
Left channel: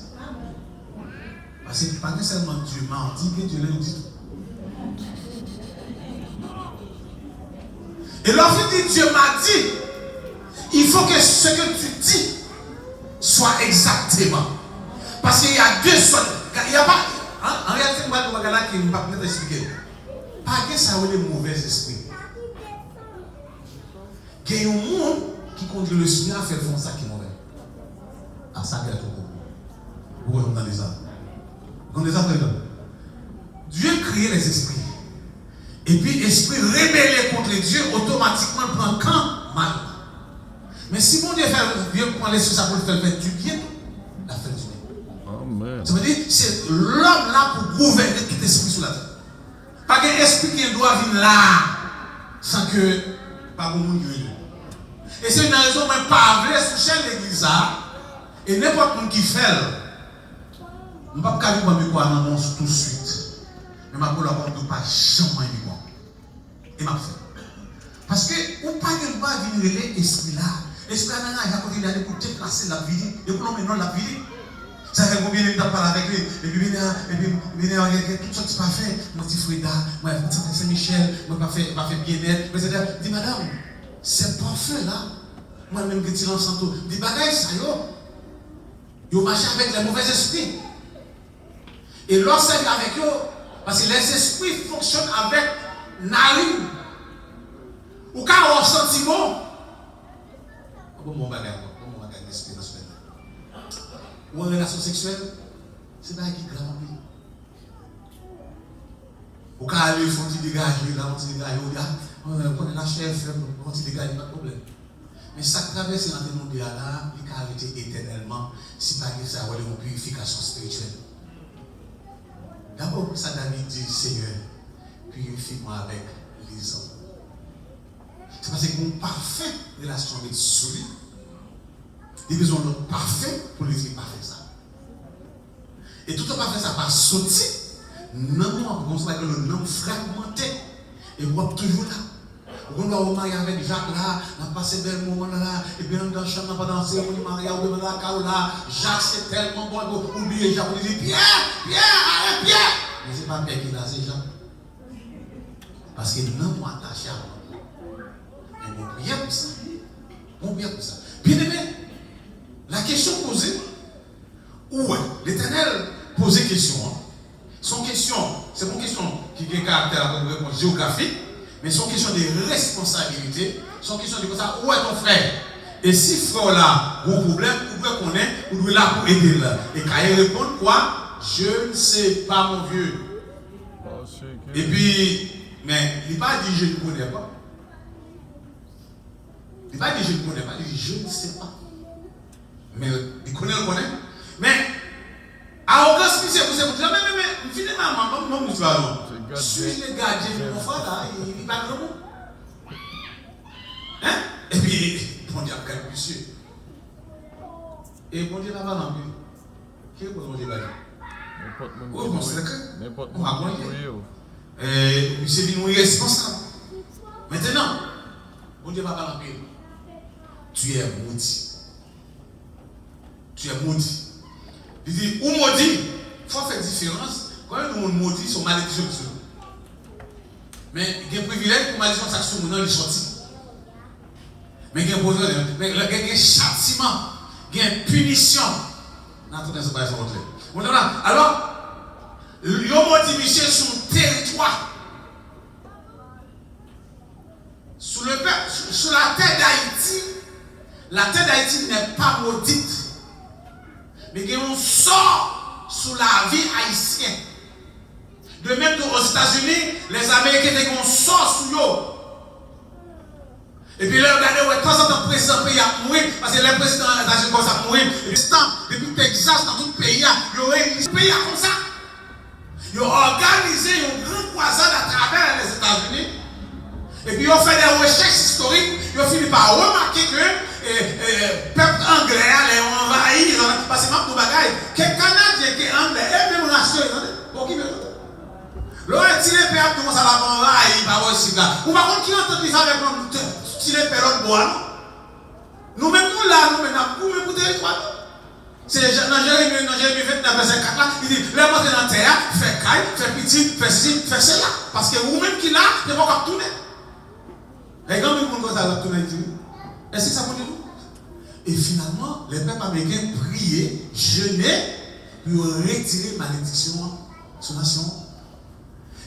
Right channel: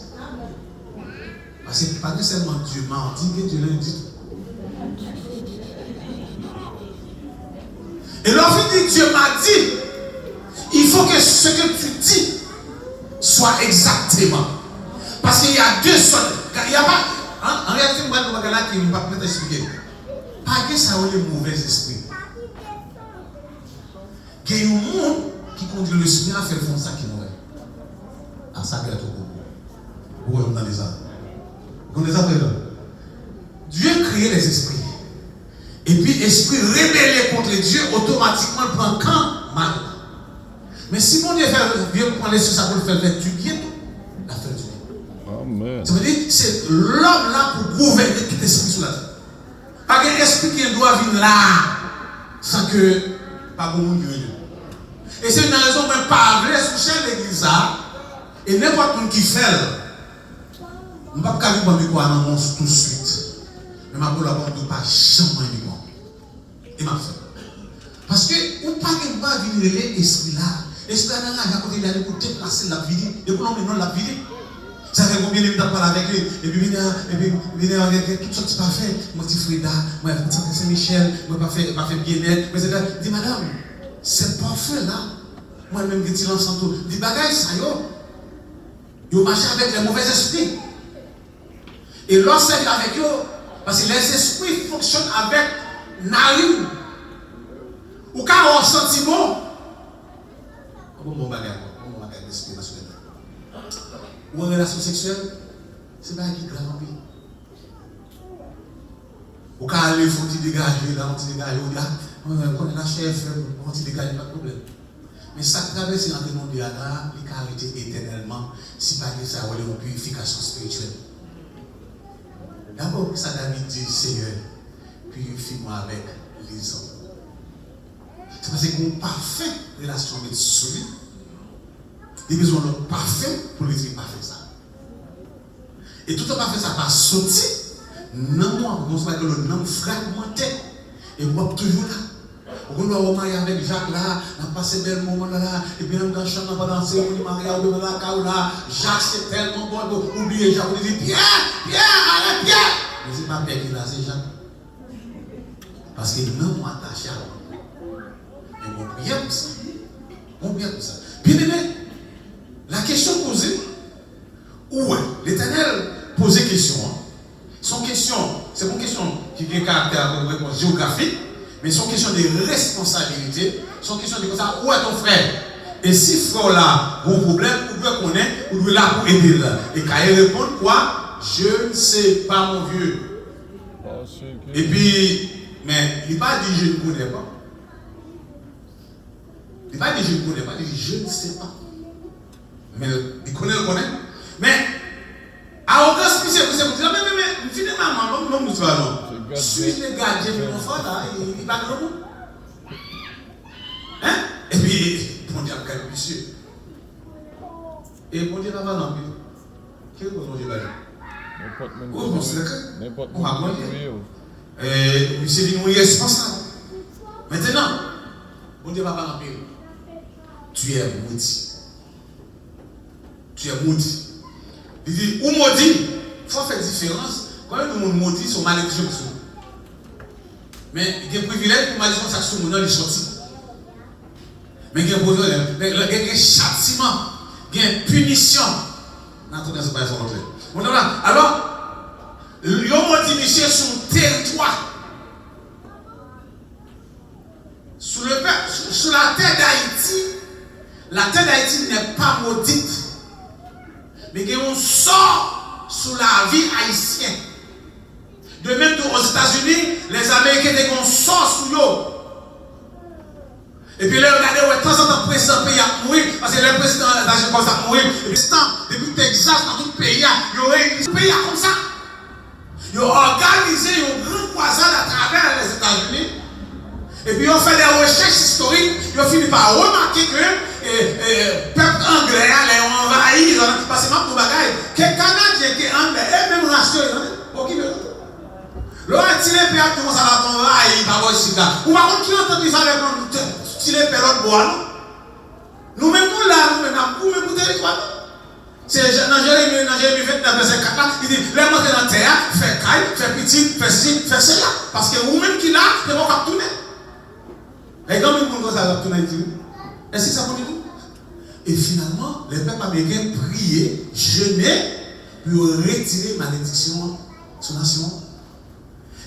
Parce que pas que seulement Dieu m'a dit, que Dieu l'a dit. Et lorsque Dieu m'a dit, il faut que ce que tu dis soit exactement. Parce qu'il y a deux sortes. Il n'y a pas. En réalité, je ne vais pas expliquer. Pas que ça a des mauvais esprits. Il y a un monde qui conduit le Seigneur à faire ça qui est mauvais. À ça, qu'il y a tout. Vous voyez dans les arbres. Vous connaissez ça? Dieu crée les esprits. Et puis, esprit rébellé contre Dieu, automatiquement, il prend quand mal. Mais si mon Dieu vient prendre sur ça pour le faire du bien, la fait du bien. Amen. Ça veut dire c'est l'homme là pour gouverner tout esprit sur la terre. Pas qu'un esprit qui doit venir là sans que pas bon Dieu. Et c'est une raison même pas vraie sous chaîne l'église là. Et n'importe qui fait, je ne peux pas dire quoi dans mon tout de suite. Mais je ne peux pas jamais dire quoi. Et m'a fait. Parce que ou pas que pas venir l'esprit là. L'esprit là, il y a côté d'aller pour déplacer la vie. Et pour nous maintenant la vie. Ça fait combien de temps parler avec lui. Et puis venir avec tout ça qui pas fait. Mon petit Frida, moi Saint Michel, moi pas fait bien-être. Mais c'est dit madame, c'est parfait là. Moi-même qui tire ensemble. Dit bagaille ça yo. Yo marche avec les mauvais esprits. Et lorsque c'est avec eux, parce que les esprits fonctionnent avec narine. Ou quand on senti bon. Mon bagage l'esprit national. Ou en relation sexuelle, c'est pas qui grave. Ou quand aller faut dégager, là on dit dégager, on est la chef, on dit dégager, pas de problème. Mais ça traverse dans le monde de là, il peut arrêter éternellement si pas que ça a une purification spirituelle. D'abord, ça David dit, Seigneur, purifie-moi avec les hommes. C'est parce que mon parfait relation avec celui, il a besoin d'un parfait pour lui dire parfait ça. Et tout le parfait ça pas sorti, non, moi, on se que le nom fragmenté, et moi toujours là. On doit se marier avec Jacques là, on a passé des moments là, et puis dans le champ, on va danser, on va marier, on va là, Jacques c'est tellement bon, oubliez Jacques, on dit Pierre, arrête Pierre. Mais c'est pas Pierre qui est là, c'est Jacques. Parce que non, moi attaché à moi. Et mon prière pour ça. Mon prière pour ça. Bien aimé, la question posée, où est l'Éternel pose question. Son question, c'est une question qui a un caractère de réponse géographique. Mais son question de responsabilité, son question de ça, où est ton frère? Et si frère là, vos problèmes, vous pouvez connaître, vous devez là pour aider là. Et quand il répond quoi? Je ne sais pas mon vieux. Et puis, mais il n'a pas dit je ne connais pas. Il n'a pas dit je ne connais pas, il dit je ne sais pas. Mais il connaît. Mais, à aucun spécial, vous savez, mais finalement, non, nous allons. Suis-je le gardien de mon frère là, il va dans le monde. Hein? Et puis, bon Dieu a calme, monsieur. Et bon Dieu va pas l'envie. Quel est le Dieu va dire? Oui, bon, c'est le cas. On va voir. Et monsieur dit, on est responsable. Maintenant, bon Dieu va pas l'envie. Tu es maudit. Tu es maudit. Il dit, ou maudit, il faut faire différence. Quand le monde maudit, son malédiction sur nous. Mais il y a des privilèges pour malédiction, ça sur nous, il est sorti. Mais il y a un châtiment, il y a une punition. Alors, le maudit monsieur sur son territoire. Sur la terre d'Haïti n'est pas maudite. Mais il y a un sort sur la vie haïtienne. De même qu'aux États-Unis, les Américains ont sort sur eux. Et puis là, regardez, de temps en temps, le président pays a mouru, parce que le président d'Argentine comme ça mouru. Et puis, depuis Texas, dans tout le pays, il y a un pays comme ça. Ils ont organisé un grand croisade à travers les États-Unis. Et puis, ils ont fait des recherches historiques. Ils ont fini par remarquer que le peuple anglais les ont envahi. Parce que même nos bagailles, que Canadiens qui est anglais, et même nationaux, pour qui veut. L'autre tiré père commence à la envahir, il va voir ici là. Ou par contre, qui ont entendu ça avec nous tirer père de bois, non? Nous-mêmes, nous là, nous même pour territoire. C'est dans Jérémie 29, verset 4, il dit, les montées dans la terre, fait caille, fait petit, fait ci, fait cela. Parce que vous-même qui là, vous ne pouvez pas tourner. Et quand même, vous allez tourner, est-ce que ça vous dit tout? Et finalement, les peuples américains priaient, jeûnaient, pour retirer malédiction sur la nation.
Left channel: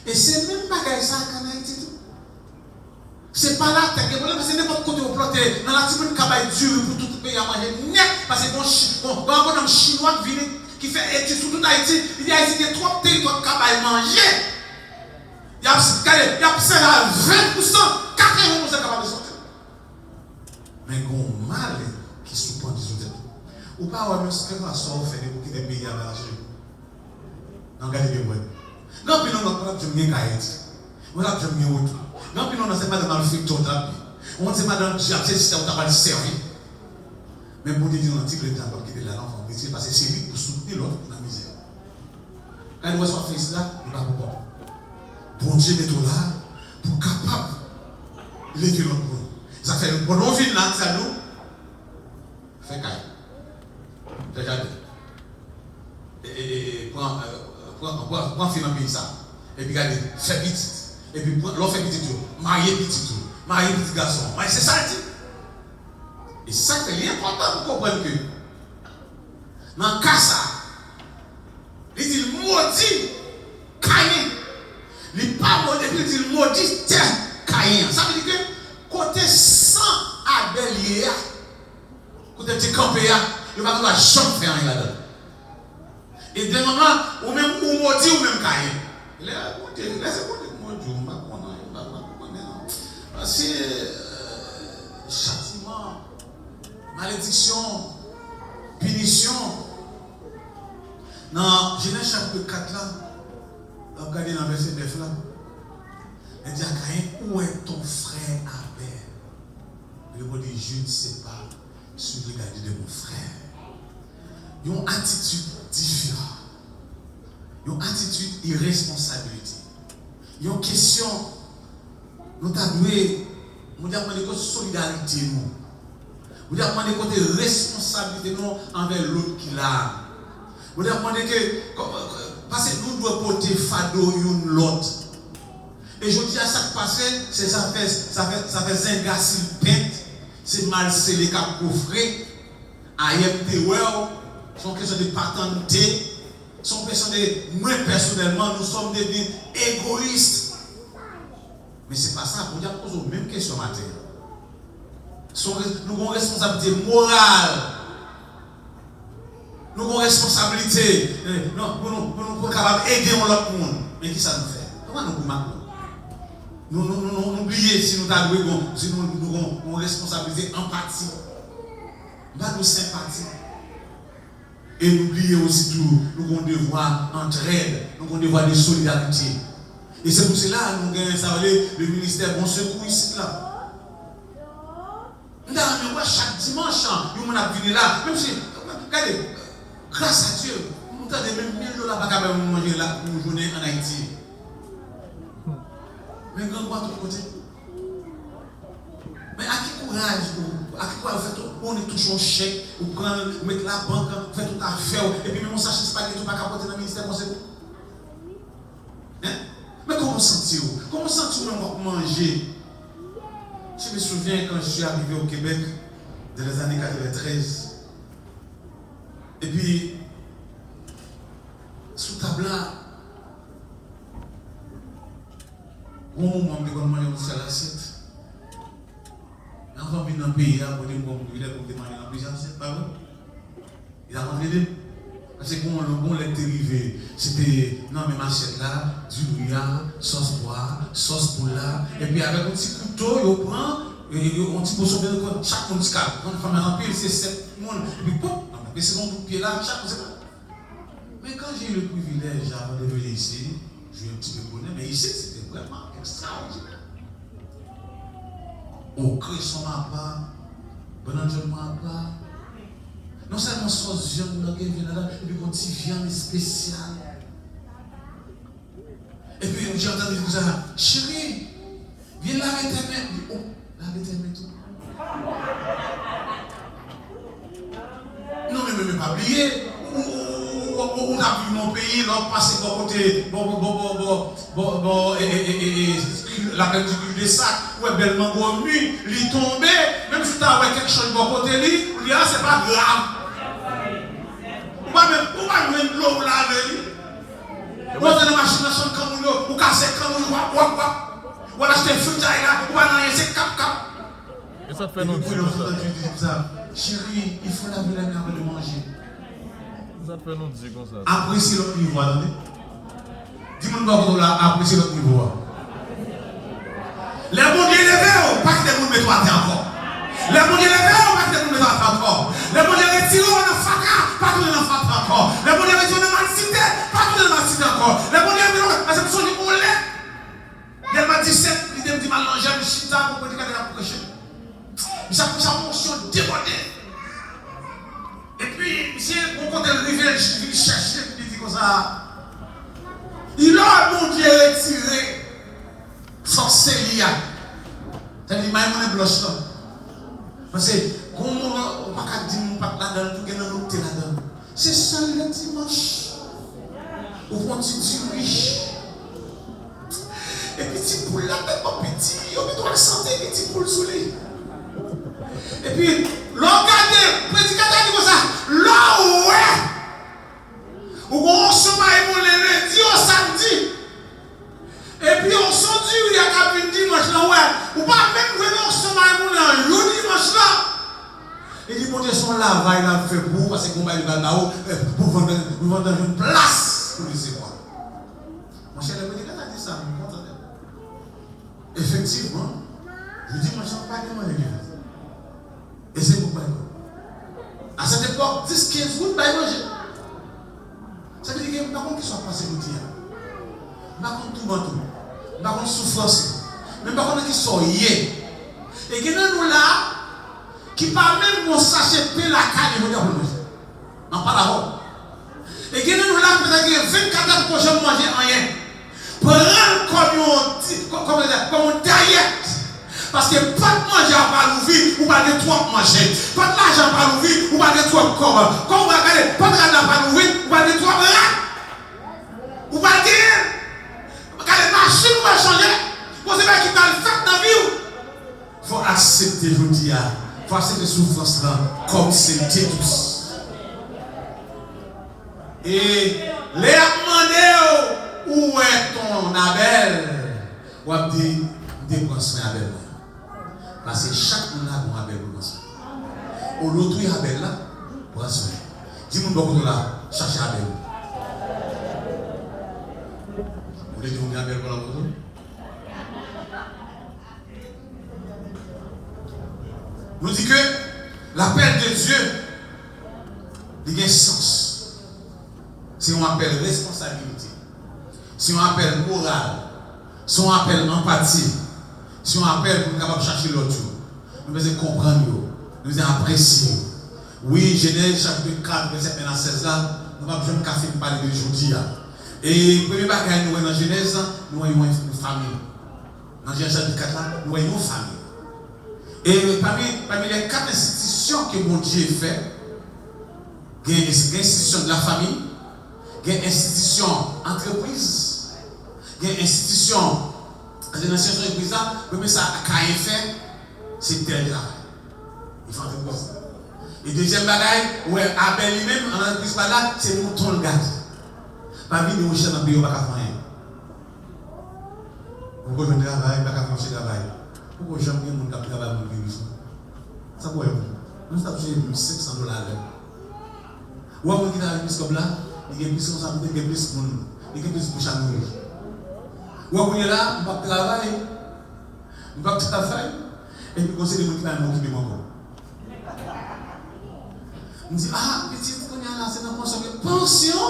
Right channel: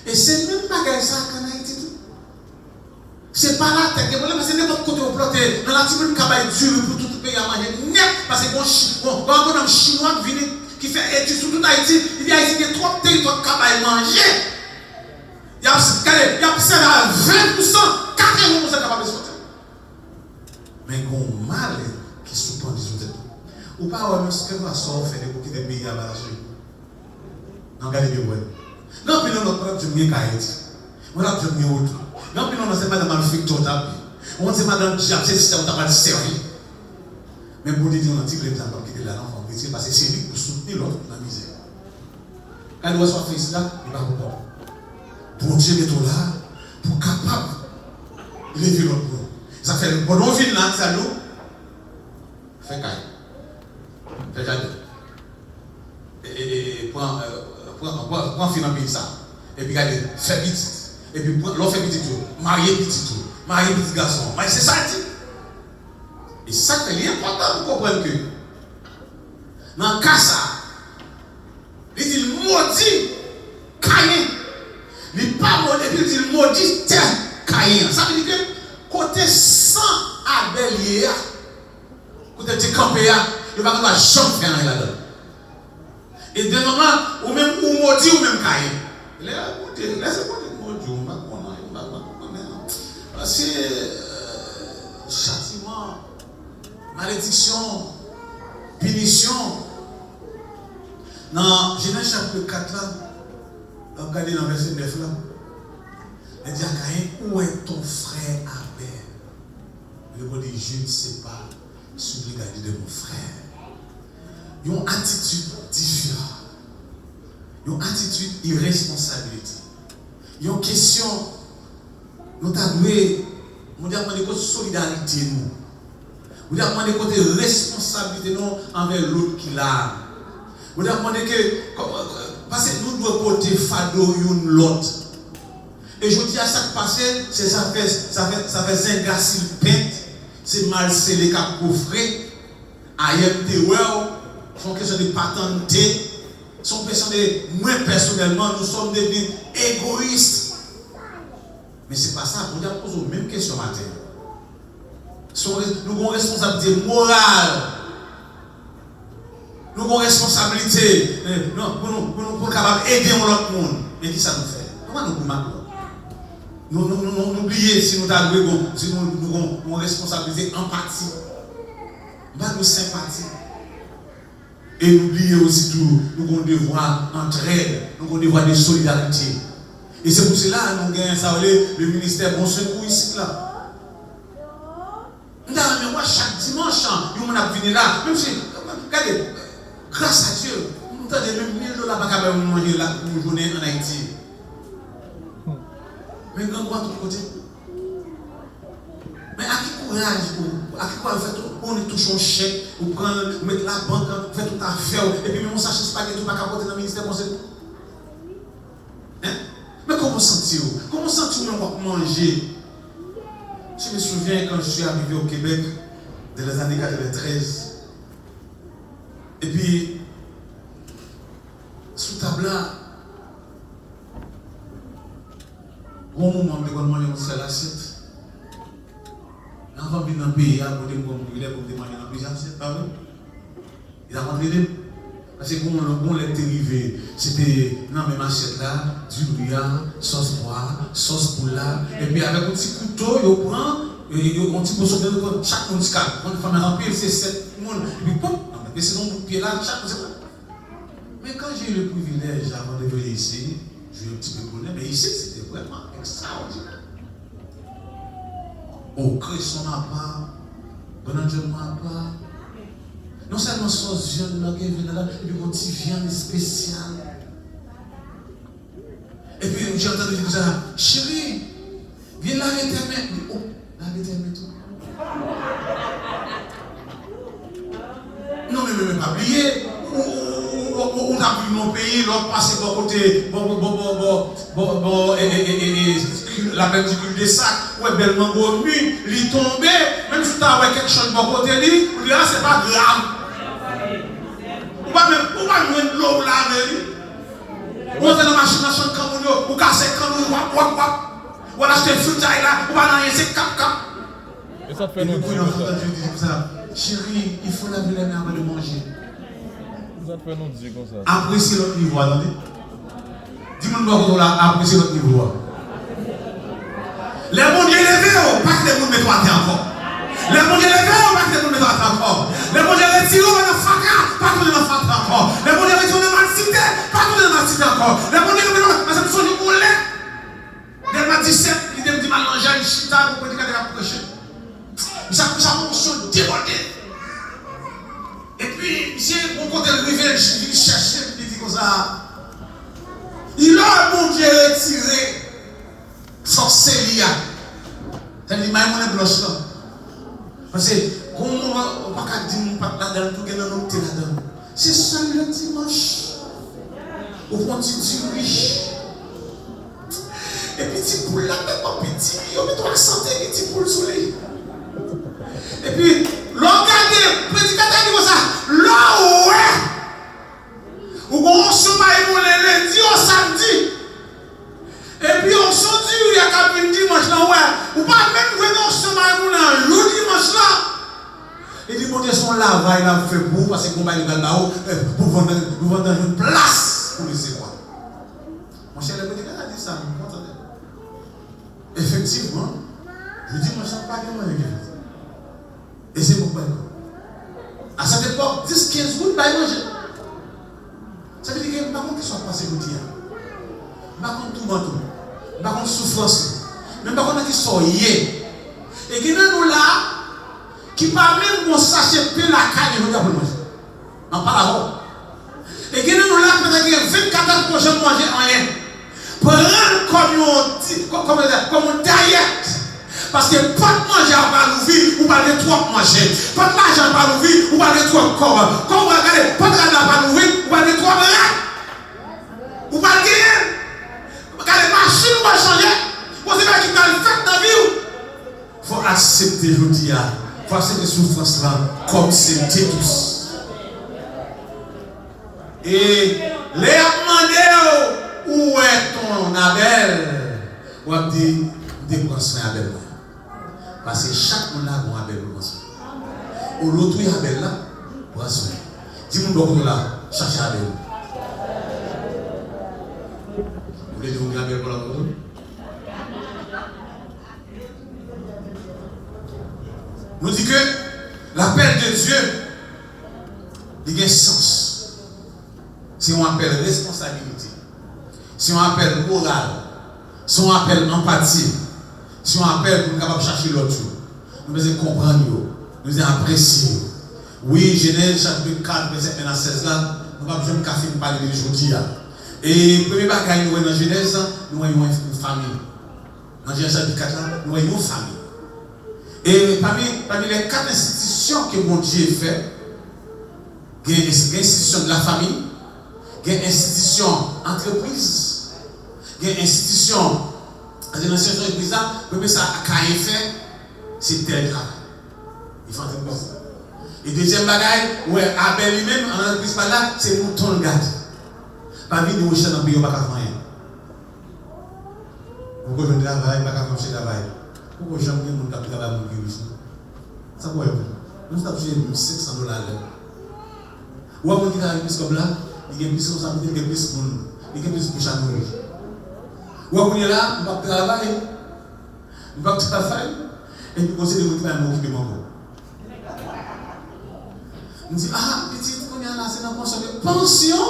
Et c'est même pas ça qu'en Haïti. C'est pas là, c'est n'importe côté au planté. Dans la petite cabane dure pour tout le pays à manger net. Parce que bon, un chinois qui fait Haïti, sur tout Haïti, il y a ici des trop territoires qui ont manger. Il y a 20%, 80% capables de sortir. Mais il y a un mal qui surprend des autres. Ou pas, même si on fait des bouquets de pays à marcher. Non, regardez bien, non, puis non, on a dit Haïti. On a dit autre. Non, puis non, c'est madame Alfred Total. On dit madame Jacques, c'est on t'a pas servi. Mais pour dire un petit peu de temps qui est là, parce que c'est lui pour soutenir l'autre dans la misère. Quand il reçoit fils là, il va bon. Pour Dieu est là, pour capable de lever l'autre monde. Ça fait le bon ville là, ça nous fait caille. Fait caille. Et prends financer ça. Et puis regardez, fait petit. Et puis l'autre fait petit tout. Marier petit garçon. Mais c'est ça dit. Et ça c'est important pour comprendre que dans le cas ça, il dit maudit Caïn. Il n'est pas maudit, il dit maudit Caïn. Ça veut dire que côté sang Abel, côté de campé, il va pas jamais faire rien là-dedans. Et dès le moment où même ou maudit ou même Caïn. Laissez-moi dire maudit, on va connaître. Parce que châtiment, malédiction, punition. Dans Genèse chapitre 4 là, regardez dans le verset 9 là, il dit à Caïn, où est ton frère Abel? Il dit, je ne sais pas, je suis regardé de mon frère. Ils ont une attitude différente. Ils ont une attitude irresponsabilité. Ils ont une question, nous avons demandé de solidarité nous. Vous avez demandé côté responsabilité nous envers l'autre qui l'a. Vous avez demandé que, parce que nous devons porter fado l'autre. Et je dis à ça qui passe, ça fait zinga s'il pète, c'est mal scellé cap coffré, IMT sont question de paternité, sont question de moi personnellement, nous sommes devenus égoïstes. Mais ce n'est pas ça, vous avez posé la même question matin. Nous avons une responsabilité morale. Nous avons une responsabilité pour capable aider l'autre monde. Mais qui ça nous fait? Comment nous pouvons nous oublier si nous avons une responsabilité empathie. Nous avons une sympathie. Et n'oubliez aussi tout, nous avons un devoir d'entraide, nous avons un devoir de solidarité. Et c'est pour cela que nous avons le ministère Bon Secours ici là. Nous avons chaque dimanche, nous avons venu là. Même si, regardez, grâce à Dieu, nous avons même $1000 pour manger là pour une journée en Haïti. Mais nous avons tout côté. Mais à qui courage on est touché au chèque, on met la banque, on fait tout affaire, et puis même on s'achète spaghetti pas capoter dans le ministère conseil. Mais comment sentez-vous? Comment sentez-vous même pour manger? Je me souviens quand je suis arrivé au Québec, dans les années 93, et puis, sous table là, au moment où je manger une seule assiette, l'enfant vient dans le pays, pour dire qu'il est pour manger dans plusieurs assiettes, pas vrai? Il a rentré deux. Parce que comme le bon lait dérivé, c'était dans la même assiette là, du brouillard, sauce poire, sauce poula, et puis avec un petit couteau, il prend, un petit poisson de chaque monde scale. Quand une femme est remplie, c'est 7 personnes, et puis pop, mais c'est dans le pied là, chaque monde. Mais quand j'ai eu le privilège avant de venir ici, j'ai eu un petit peu de bonheur, mais ici c'était vraiment extraordinaire. Au cresson à part, bonheur à part. Non seulement sauce viande, et puis un petit viande spéciale. Et puis j'ai entendu dire ça, chérie, viens laver tes mains. Oh, laver tes mains tout. Non, mais pas oublier. On a pris mon pays, l'autre passé de côté, la pellicule des sacs, ouais, bellement gomme, il tombé, même si tu as quelque chose de bon côté, là, c'est pas grave. Ou pas même l'eau pour laver. Ou on fait dans la machine à son camoulot, ou casser le camoulot, ou acheter le fruitaille là, ou pas dans rien, c'est cap. Et ça fait non ça. Chérie, il faut laver la main avant de manger. Ça te fait nous dire comme ça. Apprécier l'autre niveau, attendez. Dis-moi là, apprécier l'autre niveau. Les bons Dieu levés, pas que les gens mettent à terre encore. Les bons Dieu levés, pas que les gens mettent à terre encore. Les bons Dieu retirés dans le faca, pas que les gens mettent encore. Les bons Dieu retirés dans la cité, pas que les gens mettent encore. Les bons Dieu retirés dans cette chose où l'est. Dès le 17, il dit mal manger une chita pour prédiquer la prêcher. Ça fonction débordée. Et puis, si on compte le rivière, il cherche, il dit comme ça. Il a, mon Dieu, retiré. Sorcellerie. C'est-à-dire, il y a un bloche là. Parce que, comment on ne peut pas dire que pas là-dedans, tout le monde est là-dedans. C'est seul le dimanche. Au fond, tu dis oui. Et puis, tu poules là, même pas petit, on met toi la santé, et tu poules sous les. Et puis, regardez, prédicateur dit comme ça, là où est, où on se maille le lundi au samedi. Et puis on se dit, il y a qu'à venir dimanche là, ouais, ou pas même venir on se maille le dimanche là. Il dit, mon Dieu, son lavage, il a fait pour, parce qu'on va aller là-haut, pour vendre une place pour les éloigner. Mon cher, le prédicateur a dit ça, vous entendez? Effectivement, je dis, moi, je ne sais pas comment il est. Et c'est pourquoi. À cette époque, 10-15 gouttes, pas manger. Ça veut dire que, par contre, qu'ils soient passés au dia. Par contre, tout manteau. Par contre, souffrance. Mais par contre, qu'ils soient yé. Et qu'il y a nous là, qui parlent même qu'on sache payer la caille, ils vont dire pour manger. En parlant. Et qu'il y a nous là, peut-être qu'il y a 24 heures pour manger rien. Prendre comme une diète. Parce que pas de manger à pas l'ouvrir, ou pas de trop manger. Pas de l'argent à pas l'ouvrir, ou pas de trop corps. Quand vous regardez, pas de l'argent à pas l'ouvrir, ou pas de trop malade. Ou pas de gagner. Regardez, les machines vont changer. Vous savez qui va le faire dans la vie. Il faut accepter, je dis, il faut accepter la souffrance là, comme c'était tous. Et les a demandé où est ton Abel? Ou a dit, dépense Abel. Parce que chaque monde a un Abel pour prendre soin. Au l'autre, il y a Abel là, prends soin. Dis-moi beaucoup là, cherchez Abel. Vous voulez dire un Abel pour l'autre? Nous dit que l'appel de Dieu, il a un sens. Si on appelle responsabilité, si on appelle morale, si on appelle empathie, si on appelle pour nous capable chercher l'autre, nous devons comprendre, nous devons apprécier. Oui, Genèse chapitre 4, verset 1 à 16 là, nous avons besoin de café pour parler de aujourd'hui. Et le premier bagage, nous voyons dans Genèse, nous voyons une famille. Dans Genèse chapitre 4 là, nous voyons une famille. Et parmi les 4 institutions que mon Dieu fait, il y a l'institution de la famille, il y a l'institution entreprise, il y a l'institution de l'entreprise là, mais ça a fait, c'est tel travail. Il faut entendre ça. Et deuxième bagaille, ouais, Abel lui-même, en entreprise là, c'est le mouton le garde. Pas venir au chien dans le pays, on ne va pas faire rien. Pourquoi je ne travaille pas faire un travail? Pourquoi j'aime bien mon travail pour le virus? Ça pourrait être. Nous avons touché $500. Ou avant qu'il y ait un comme là, il y a plus de responsabilité, il y a plus de monde, il y a plus de chaque monde. Ou avant qu'il y ait là, on va travailler. On va travailler. Et puis, on sait que nous avons occupé mon corps. On dit, ah, petit, on est là, c'est la pension. Pension?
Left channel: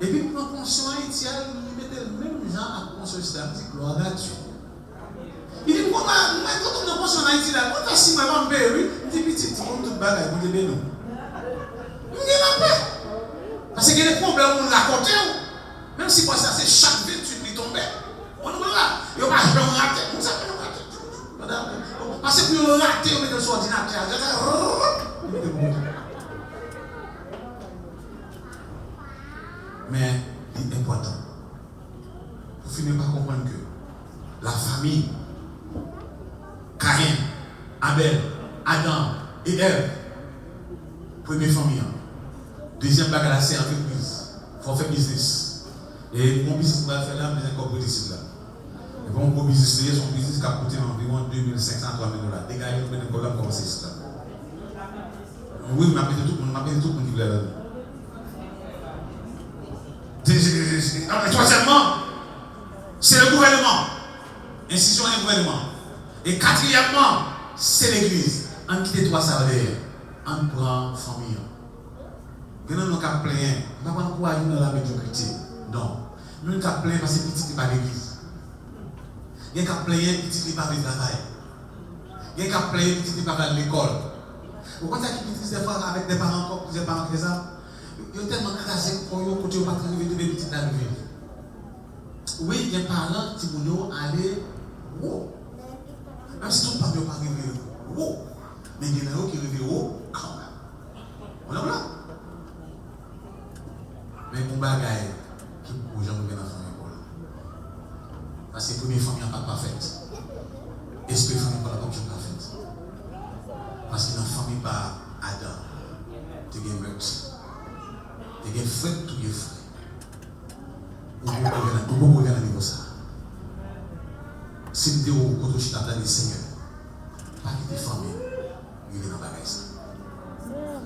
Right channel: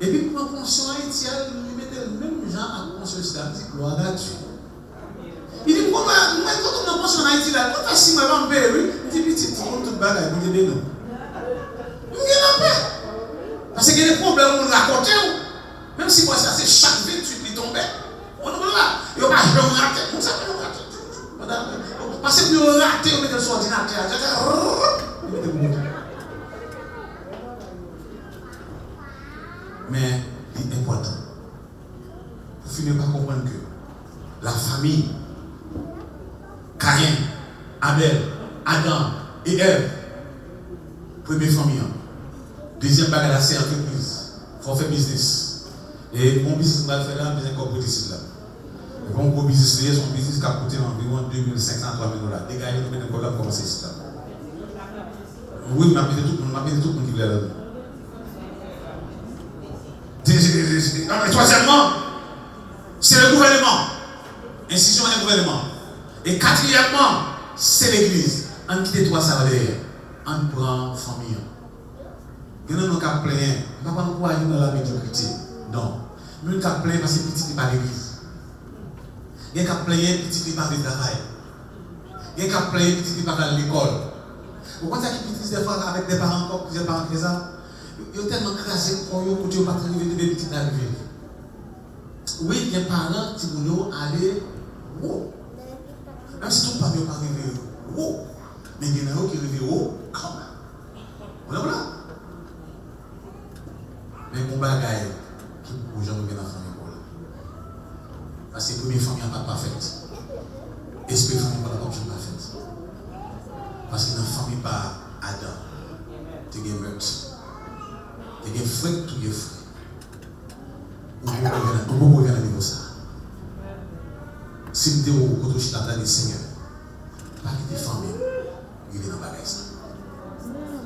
Et puis, pour la pension haïtienne, nous mettons le même genre à la pension islamique, gloire à Dieu. Il dit, pourquoi quand on a pension en Haïti, là, quand on a 6 mois avant de payer, il dit, petit, tu comptes tout le bagage, vous avez des noms. Il y a la paix. Parce qu'il y a des problèmes, on raconte, même si moi, ça, c'est chaque 28 qui tombe, on ne peut pas. Il n'y a pas de raté. Vous savez, on raté. Parce que pour rater, on met dans son ordinateur. Mais, il est important. Vous finissez par comprendre que la famille, Caïn, Abel, Adam et Ève, première famille. Deuxième bagage, c'est entreprise. Il faut faire business. Et mon business va faire là, mais un corps ici là. Et pour mon business, son business qui a coûté environ $2,500 à $3,000. Des gars, ils ont un programme comme ça. Oui, je m'appelle tout le monde qui l'a. Et troisièmement, c'est le gouvernement. Institution et gouvernement. Et quatrièmement, c'est l'église. En quitte trois ça derrière. En prend famille. Nous n'avons qu'à plaindre. Nous ne pouvons pas dans la médiocrité. Non. Nous n'avons qu'à plaindre parce que petit n'est pas l'église. Nous n'avons qu'à plaindre petit n'est pas le travail. Nous n'avons qu'à plaindre petit n'est pas l'école. Vous comprenez que petit des fois avec des parents encore, plusieurs parents qui ça, ils sont tellement crasés pour eux que tu ne peux pas trouver des petits dans la vie. Oui, il y a des parents qui vont aller haut. Même si tout le monde n'est pas arrivé haut. Mais il y a des gens qui arrivent haut quand même. Voilà. Mais mon bagage, tout le gens reviennent dans la famille. Parce que la première famille n'est pas parfaite. Est-ce que la famille n'est pas parfaite? Parce que dans la famille, pas Adam. Tu as des meurtres. Tu as des frères, tu as des frères. Ou vous pouvez regarder ça. Si vous êtes au côté de Seigneur, pas quitter la famille, il est dans la bagage.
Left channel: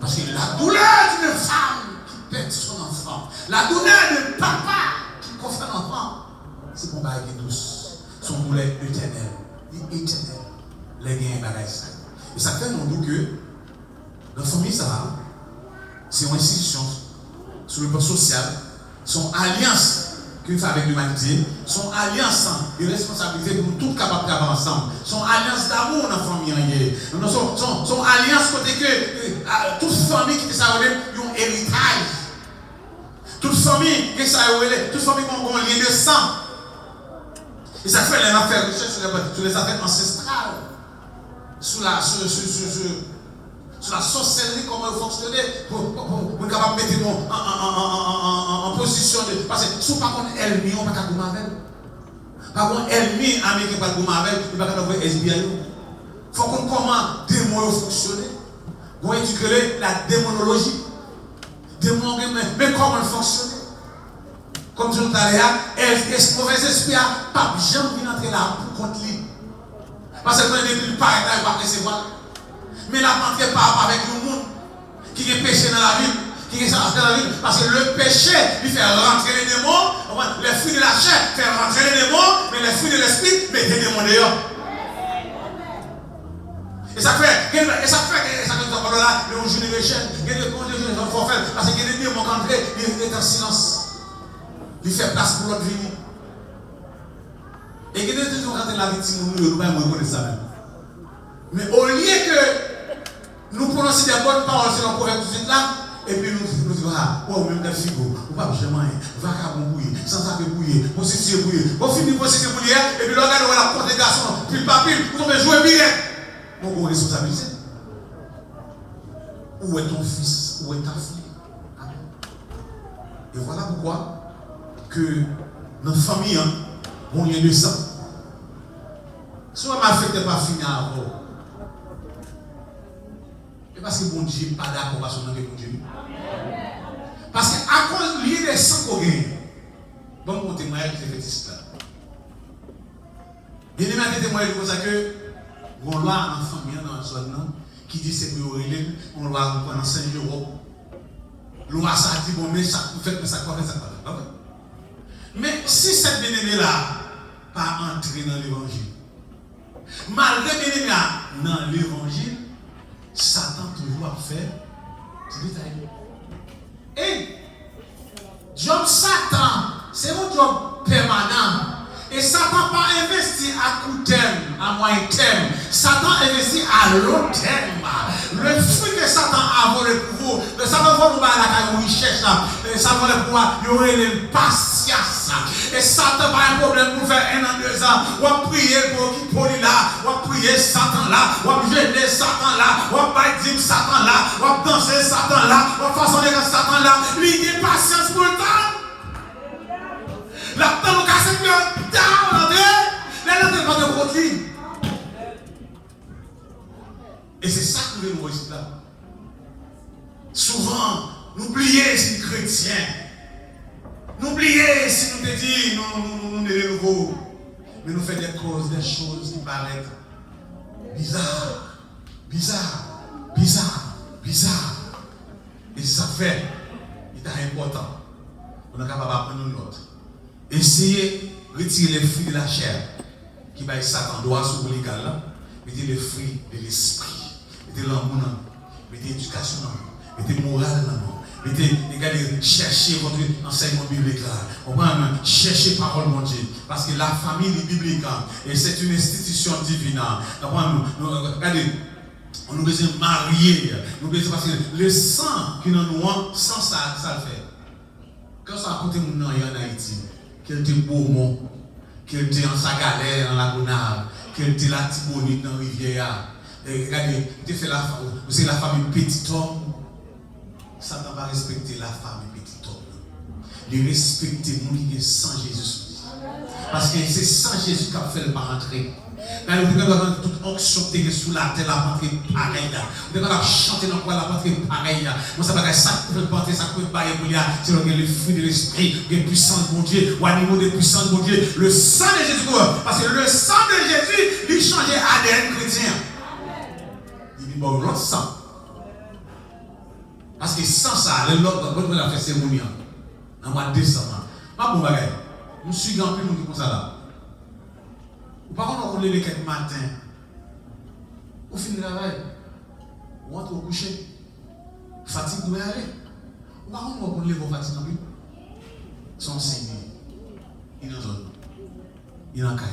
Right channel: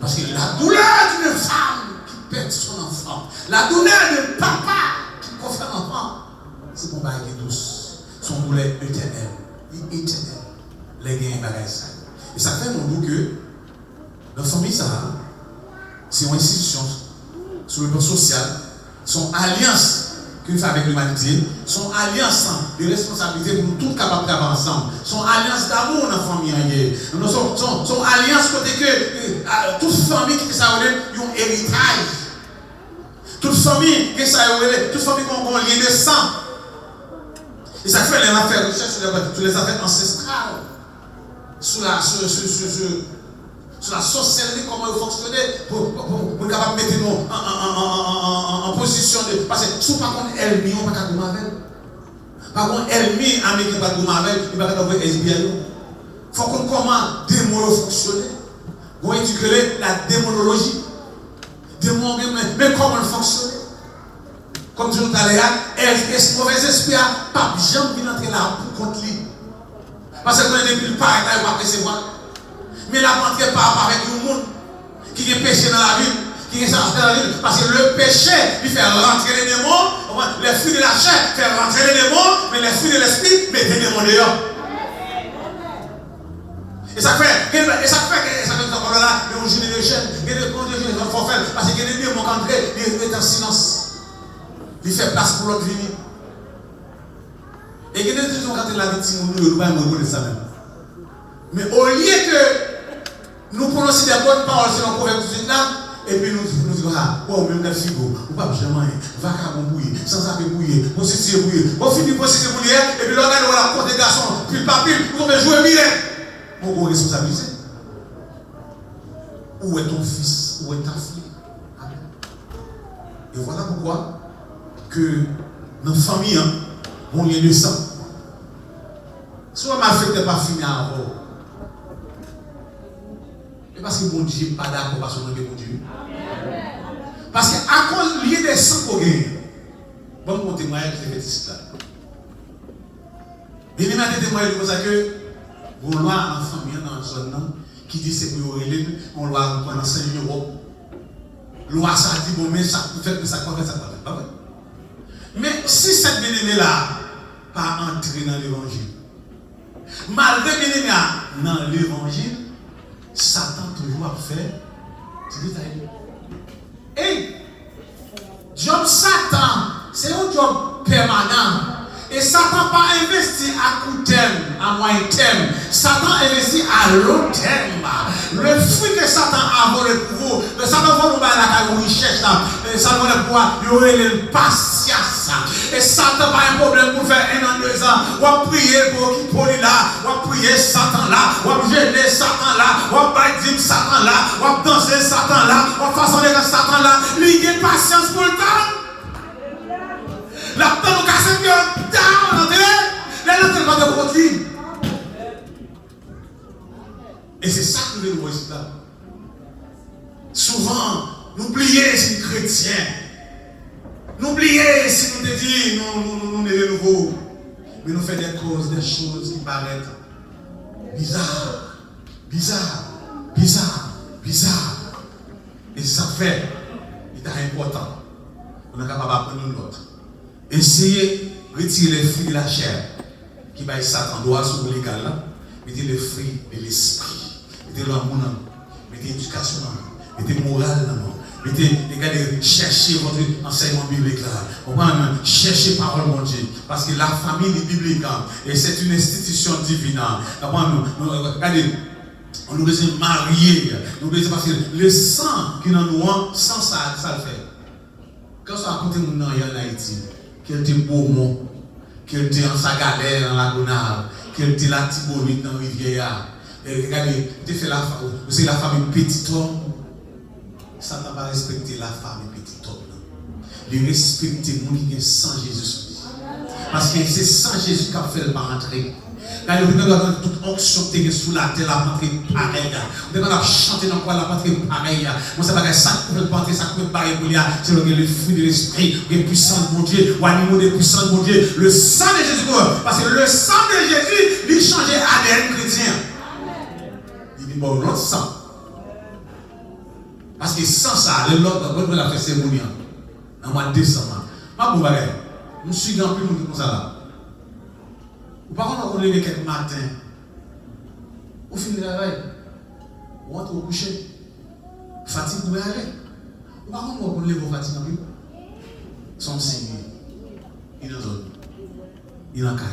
Parce que la douleur d'une femme qui perd son enfant, la douleur de papa qui confère l'enfant, c'est pour bagage douce. Son douleur éternelle. Les gains bagage. Et ça fait nous que dans la famille, c'est une institution sur le plan social, son alliance que nous avons avec l'humanité, son alliance de responsabilité pour nous tous capables d'avoir ensemble, son alliance d'amour dans la famille, son alliance côté que toute famille qui a un héritage, toute famille qui a un lien de sang. Et ça fait les affaires sur les affaires ancestrales, sur la sorcellerie, comment il fonctionnait pour capable mettre nous en position de. Parce que si par contre ennemi, on ne peut pas de Marvel. Par contre, ennemi américain pas de Marvel, il ne peut pas avoir SBL. Il faut qu'on comment démon fonctionner. On étudie la démonologie. Mais comment fonctionner? Comme je vous disais, est-ce mauvais esprit n'a pas jamais entrer là pour contre lui? Parce que quand il n'est pas là, il va recevoir. Mais la rentrée pas avec le monde qui est péché dans la vie, qui est chargé dans la vie. Parce que le péché, il fait rentrer les démons, les fruits de la chair fait rentrer les démons, mais les fruits de l'esprit mettent les démons dehors. Et ça fait que là, on joue les chaînes, il y a des forfaits, parce qu'il y a des démons qui entrent, ils sont en silence. Il fait place pour l'autre vie. Et il y a des gens qui ont la victime, nous ne pouvons pas ça même. Mais au lieu que nous prononcions des bonnes paroles sur le prophète tout de là, et puis nous disons, oh, même les figos, nous ne pouvons pas jamais, va à bouillir, sans savoir bouillir, prostituer bouillir, on finit prostituer bouillir, et puis l'on regarde la porte des garçons, puis le papier, vous pouvez jouer bien. Mon gros responsabilité. Où est ton fils? Où est ta fille? Amen. Et voilà pourquoi que dans la famille, on y a de sang. Soit ma fête n'est pas finie avant. Et parce que mon Dieu n'est pas d'accord parce qu'on a bon Dieu. Parce qu'à cause de des sangs qu'on gagne, bon, mon témoignage que j'ai fait ici là. Bien aimé, des témoignages comme ça que, on loi en famille dans la zone qui dit c'est pour on loi pour enseigner l'Europe. Loi ça dit, bon, mais ça fait, mais ça quoi, ça pas vrai. Mais si cette bien-aimée là pas entrer dans l'évangile, malgré bien-aimée dans l'évangile, Satan toujours a fait du détail. Et job Satan, c'est un job permanent. Et Satan pas investi à court terme, à moyen terme. Satan investit à long terme. Le fruit que Satan a volé pour vous, le Satan va nous battre la richesse là. Satan va pouvoir y aurait une patience. Et Satan pas un problème pour faire 1 an, 2 ans. On va prier pour qui poli là, on va prier Satan là, on va gêner Satan là, on va dire Satan là, on va danser Satan là, on va façonner Satan là. Lui il a patience pour le temps. La peine au casse mieux, down, la pas de produit. Et c'est ça que nous voyons ici là. Souvent, nous oublions si nous chrétiens. Nous oublions si nous te disons, nous sommes de nouveau. Mais nous faisons des choses qui paraissent bizarres. Et ça fait, il est important. on est capable d'apprendre une autre. Essayez de retirer les fruits de la chair qui va Satan doit sur légal là. Mettez les fruits de l'esprit. Mettez l'amour, mettez l'éducation, mettez la morale, regardez, cherchez votre enseignement biblique là. Cherchez parole de Dieu. Parce que la famille biblique, et c'est une institution divine. Regardez, on nous besoin de marier. Nous besoin parce que le sang qui nous a, sans ça, ça le fait. Quand ça a coûté mon nom en Haïti, qu'elle était beau mot, qu'elle était en sa galère, en la gonave, qu'elle était la Tibonite dans la rivière. Regardez, c'est la famille petit homme. Ça n'a pas respecté la famille petit homme. Il respecte les gens qui sont sans Jésus. Parce que c'est sans Jésus qui a fait le pas entrer. Quand vous avez toute onction qui est sous la terre, la rentrée pareille. Vous devez chanter dans quoi la rentrée pareille. Moi, ça va être ça qui peut porter, ça peut pas pour lui. C'est le fruit de l'esprit, le puissant de mon Dieu, ou animaux de puissance de mon Dieu. Le sang de Jésus. Parce que le sang de Jésus, il change ADN chrétien. Il dit bon, l'autre sang. Parce que sans ça, l'autre, quand on a fait cérémonie, en mois de décembre, pas pour bagaille. Nous suivons un peu nous comme ça là. Ou par contre, on lève quelques matins, on finit le travail, on rentre au coucher, fatigue pour aller. Ou par contre, on lève au fatigue en plus. Son Seigneur, il nous donne, il en caille.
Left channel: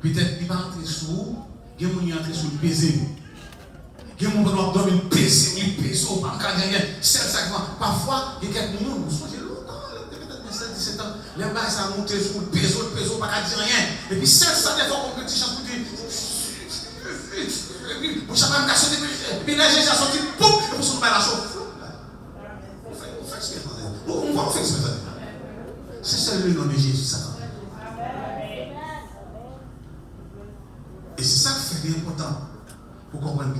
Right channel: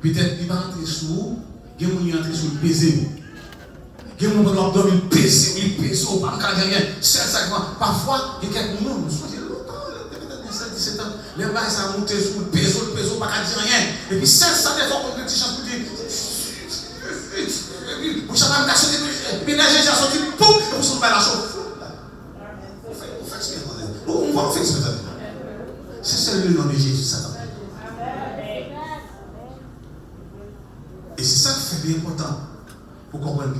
Peut-être qu'il va entrer sous vous, il va entrer sous le baiser. Il y a des gens qui doivent dormir, il pèse, pas rien. Parfois, il y a quelques moments, nous sommes longtemps, peut-être 17, 17 ans, les bails ça monte sur le peso, pas dire rien. Et puis, ça, des fois, on peut petit chant pour dire, vous savez, vous avez et puis là, j'ai sorti, pouf, vous sont pas la chose. On fait ce que on va faire ce que c'est ça le nom de Jésus, Satan. Et c'est ça qui fait important pour comprendre.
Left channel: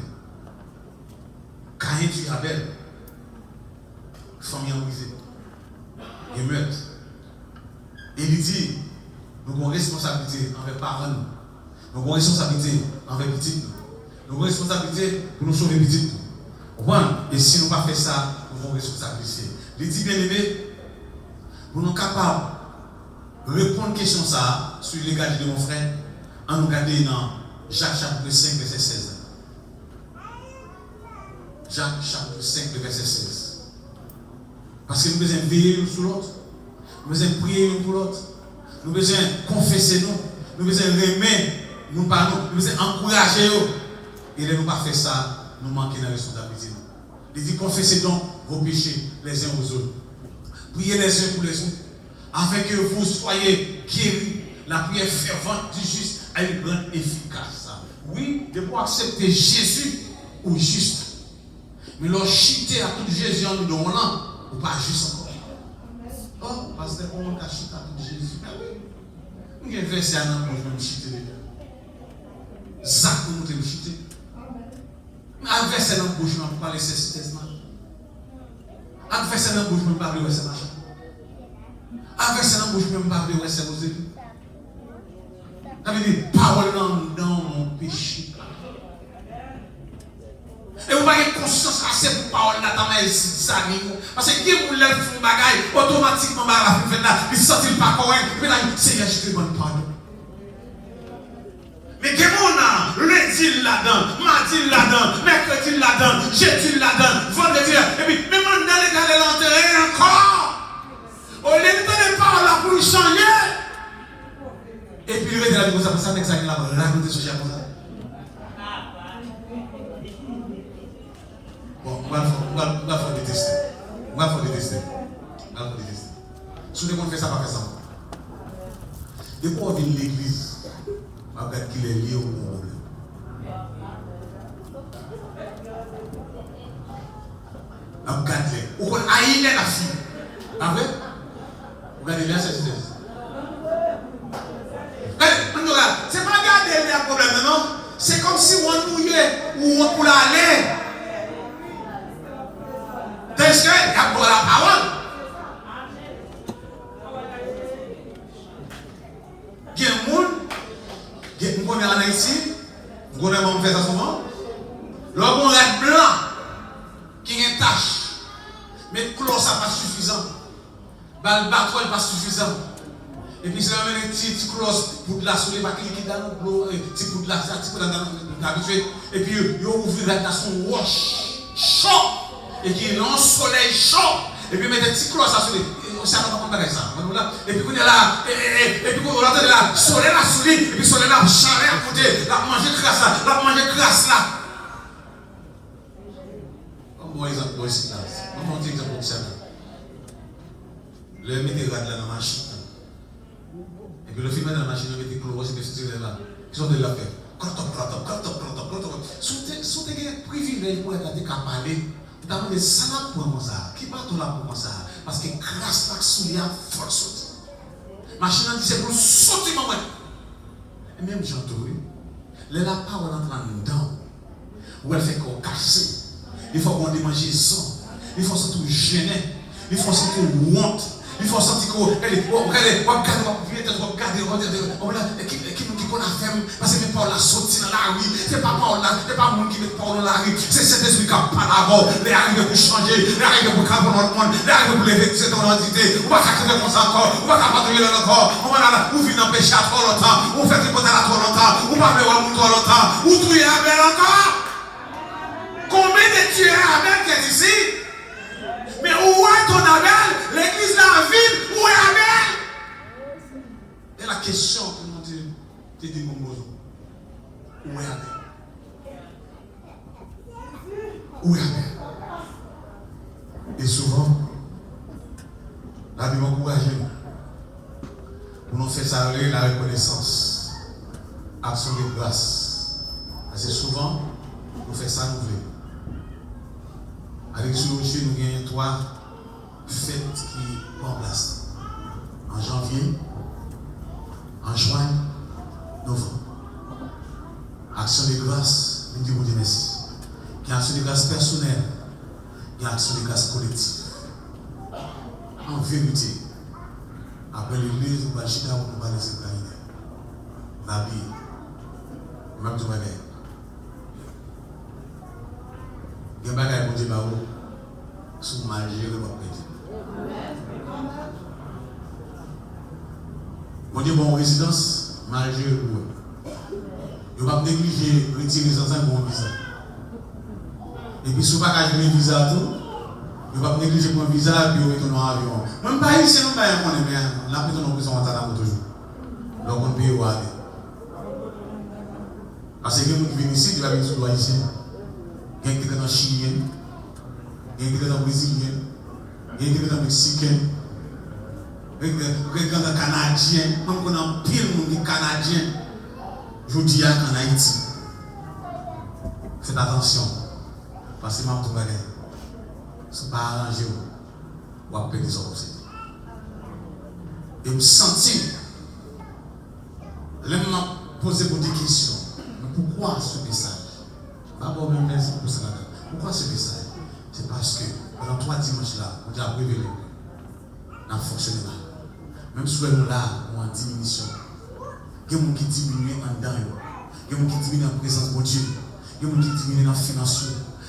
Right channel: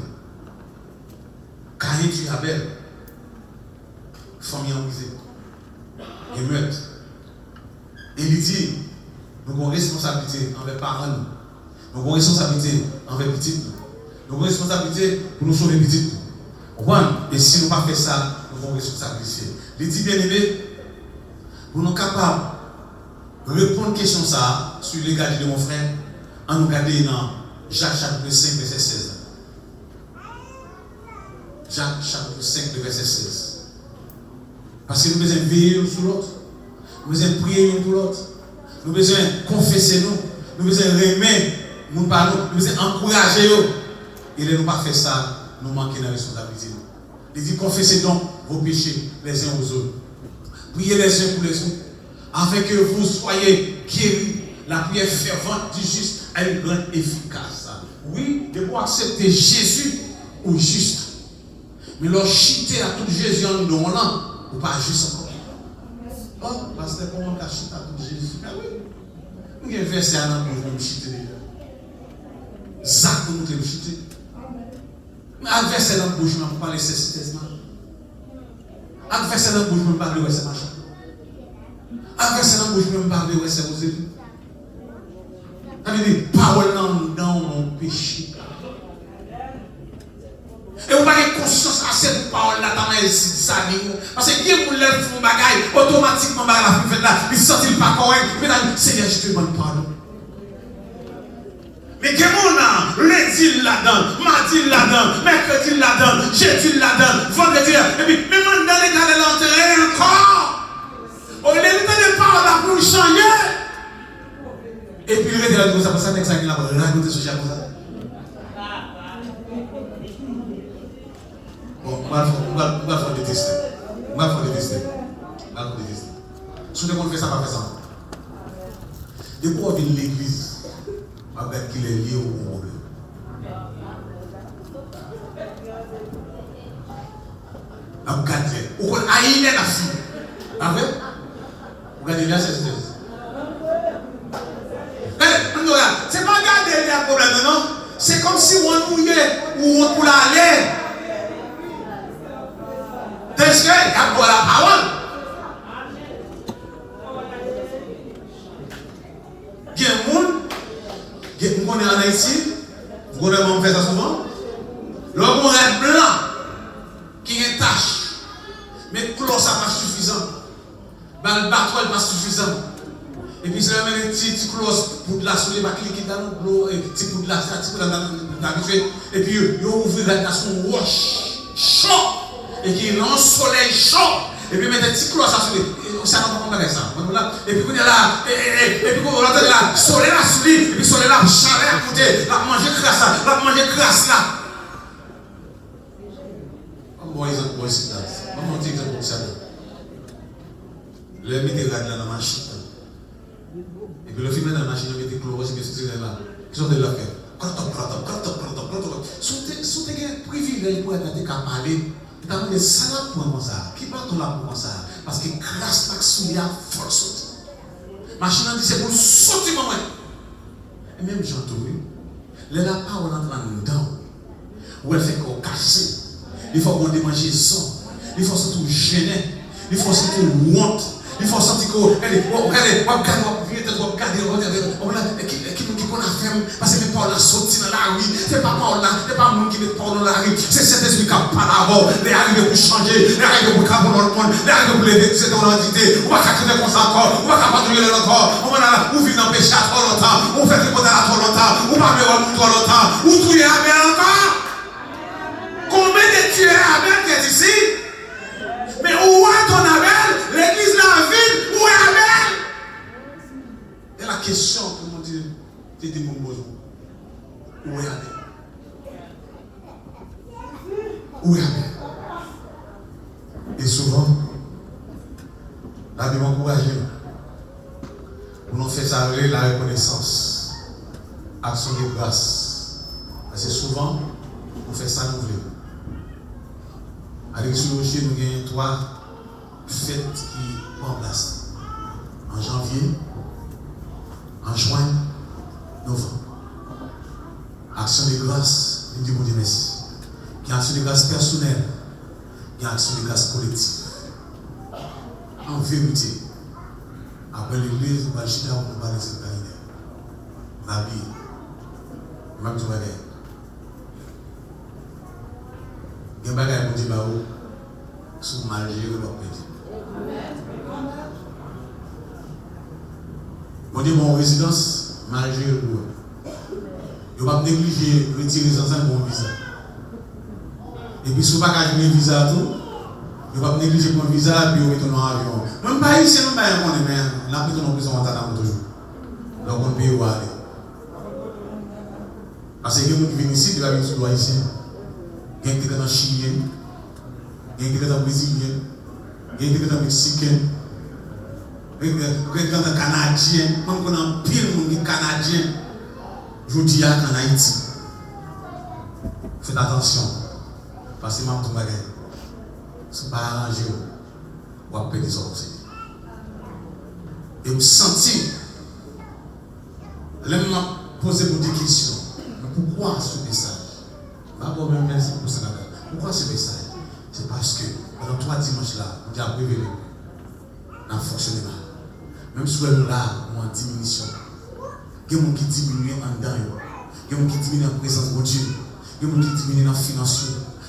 Caïn tue Abel, famille envisée, et meurtre. Et il dit, nous avons une responsabilité envers les parents, nous avons une responsabilité envers les petits, nous avons une responsabilité pour nous sauver les petits. Et si nous ne faisons pas ça, nous avons une responsabilité. Il dit bien aimé, pour nous capables de répondre à la question ça, sur l'égalité de mon frère, en nous regardant dans Jacques chapitre 5, verset 16. Jacques chapitre 5, verset 16. Parce que nous devons veiller l'un sur l'autre. Nous devons prier l'un pour l'autre. Nous devons confesser nous. Nous devons aimer nous par nous. Nous devons encourager nous. Et de ne pas faire ça, nous manquons de responsabilité. Il dit confessez donc vos péchés les uns aux autres. Priez les uns pour les autres. Afin que vous soyez guéris. La prière fervente du juste a une grande efficace. Oui, de pouvoir accepter Jésus ou juste. Mais leur chiter à tout Jésus en nous, ou pas juste encore. Oh, parce que comment on a chité à tout Jésus? Mais oui. Nous avons versé à l'an pour nous chiter. Zach pour nous chiter. Mais à verser dans la bouche, on ne peut pas laisser ce testament. À verser dans la bouche, on ne peut pas parler de ce machin. À verser dans la bouche, on ne peut pas parler de ce Moselle. Ça veut dire, parole dans mon péché. Et vous n'avez pas conscience assez pour parole là dans mes ça parce que qui vous lève son bagage automatiquement la fait là il sortit pas correct mais là Seigneur je te demande pardon. Mais que mon lundi là-dedans, mardi là-dedans, mercredi là-dedans, jeudi là-dedans, vendredi là et puis même dans les gars de l'enterrer encore. On les met pas là pour changer. Et puis il est là comme ça texte là raconter ce genre ça. On va faire des tests. On va faire des tests. Si on ne fait ça, pas faire ça. Et pour venir à l'église, on va qu'il est lié au problème. On va regarder. On va aller à la fille. Après, on va aller à cette thèse. C'est pas garder les problèmes, non? C'est comme si on mouillait ou on pouvait aller. Est-ce qu'il y a pour la parole? Il y a un monde, on est en Haïti, on fait ça souvent. Lorsqu'on a un blanc qui a une tache, mais clos ça pas suffisant. Le bateau n'est pas suffisant. Et puis, c'est la même petite close pour de la soleil, pas qui dans l'eau, petit pour de la habitué. Et puis, il ouvre la nation roche, chaud, et qui est un soleil chaud. Et puis, mettre des petits closes à soleil. Ça n'a pas compris ça. Et puis, on est là, et puis, on entend là, soleil là, soleil, et puis, soleil là, chaleur à côté, là, manger crasse là, là, manger crasse là. Bon exemple, bon ici là. Comment on dit exemple pour ça là? Le mettre là dans la machine. Et puis le film dans la machine, on met des chlorose, mais c'est là. Qu'est-ce qu'on doit faire? Quand si tu as un privilège pour être capable de parler, tu as des salades pour ça. Qui part là pour ça? Parce que grâce à ce qu'il y a, il faut sauter. La machine dit c'est pour sauter, maman. Et même j'entends, les la parole entre dedans, où elle fait qu'on casse. Il faut qu'on démange ça. Il faut surtout gêner. Il faut surtout honte. Il faut sentir qu'on a fait, parce que Paul a sorti dans la rue. C'est pas Paul là, c'est pas monde qui met Paul dans la rue. C'est cet esprit qui a pas d'abord. Les arrivés pour changer, les arrivés pour capter dans le monde, les arrivés pour lever toute cette identité. On va s'accuser comme ça encore, on va s'apatrouiller encore. On va là, on vit dans le péché à trop longtemps, on fait des potes à trop longtemps, on va faire un trop longtemps, on touille à bien encore. Combien de tueurs Abel qui est ici? Mais où est ton Abel? L'église là vide, où est Abel? Et la question que mon Dieu te dit mon besoin. Où est Abel? Où est Abel? Et souvent, la Bible encourage nous. Nous faisons ça la reconnaissance. Action de grâce. Parce que souvent, nous faisons ça nous voulons. Avec ce loger, nous avons 3 fêtes qui prennent place. En janvier, en juin, novembre. Action de grâce, nous disons merci. Il y a action de grâce personnelle, il y a action de grâce collective. En vérité, après l'église, nous allons chiter pour nous parler de cette planète. La vie, même tout le monde. Il y a des gens qui ont sous mal géré votre péché. On dit bon résidence, mal géré pour eux. Il ne faut pas négliger retirer les enfants pour un visa. Et puis, si vous ne pouvez pas gagner un visa, il ne faut pas négliger pour un visa et puis vous retournez en avion. Même pas ici, nous ne pouvons pas, mais on a pris ton prison en attendant toujours. Donc on peut y aller. Parce que les gens qui viennent ici, ils vont venir sur le haïtien. Il y a quelqu'un dans Chilien, il y a quelqu'un dans Brésilien, il y a quelqu'un dans Mexicain, il y a quelqu'un dans Canadien, même qu'on a un pile de monde Canadien, je dis en Haïti. Faites attention, parce que je ne sais pas arranger, ou à payer des aussi. Et je me sens, je me pose des questions. Mais pourquoi ce message? Merci pour ça. Pourquoi ce message? C'est parce que pendant 3 dimanches là, on a révélé dans le fonctionnement. Même si nous là, on a en diminution. Il y a des gens qui diminuent en dedans. Il y a des gens qui diminuent en présence de Dieu. Il y a des gens qui diminuent en finance.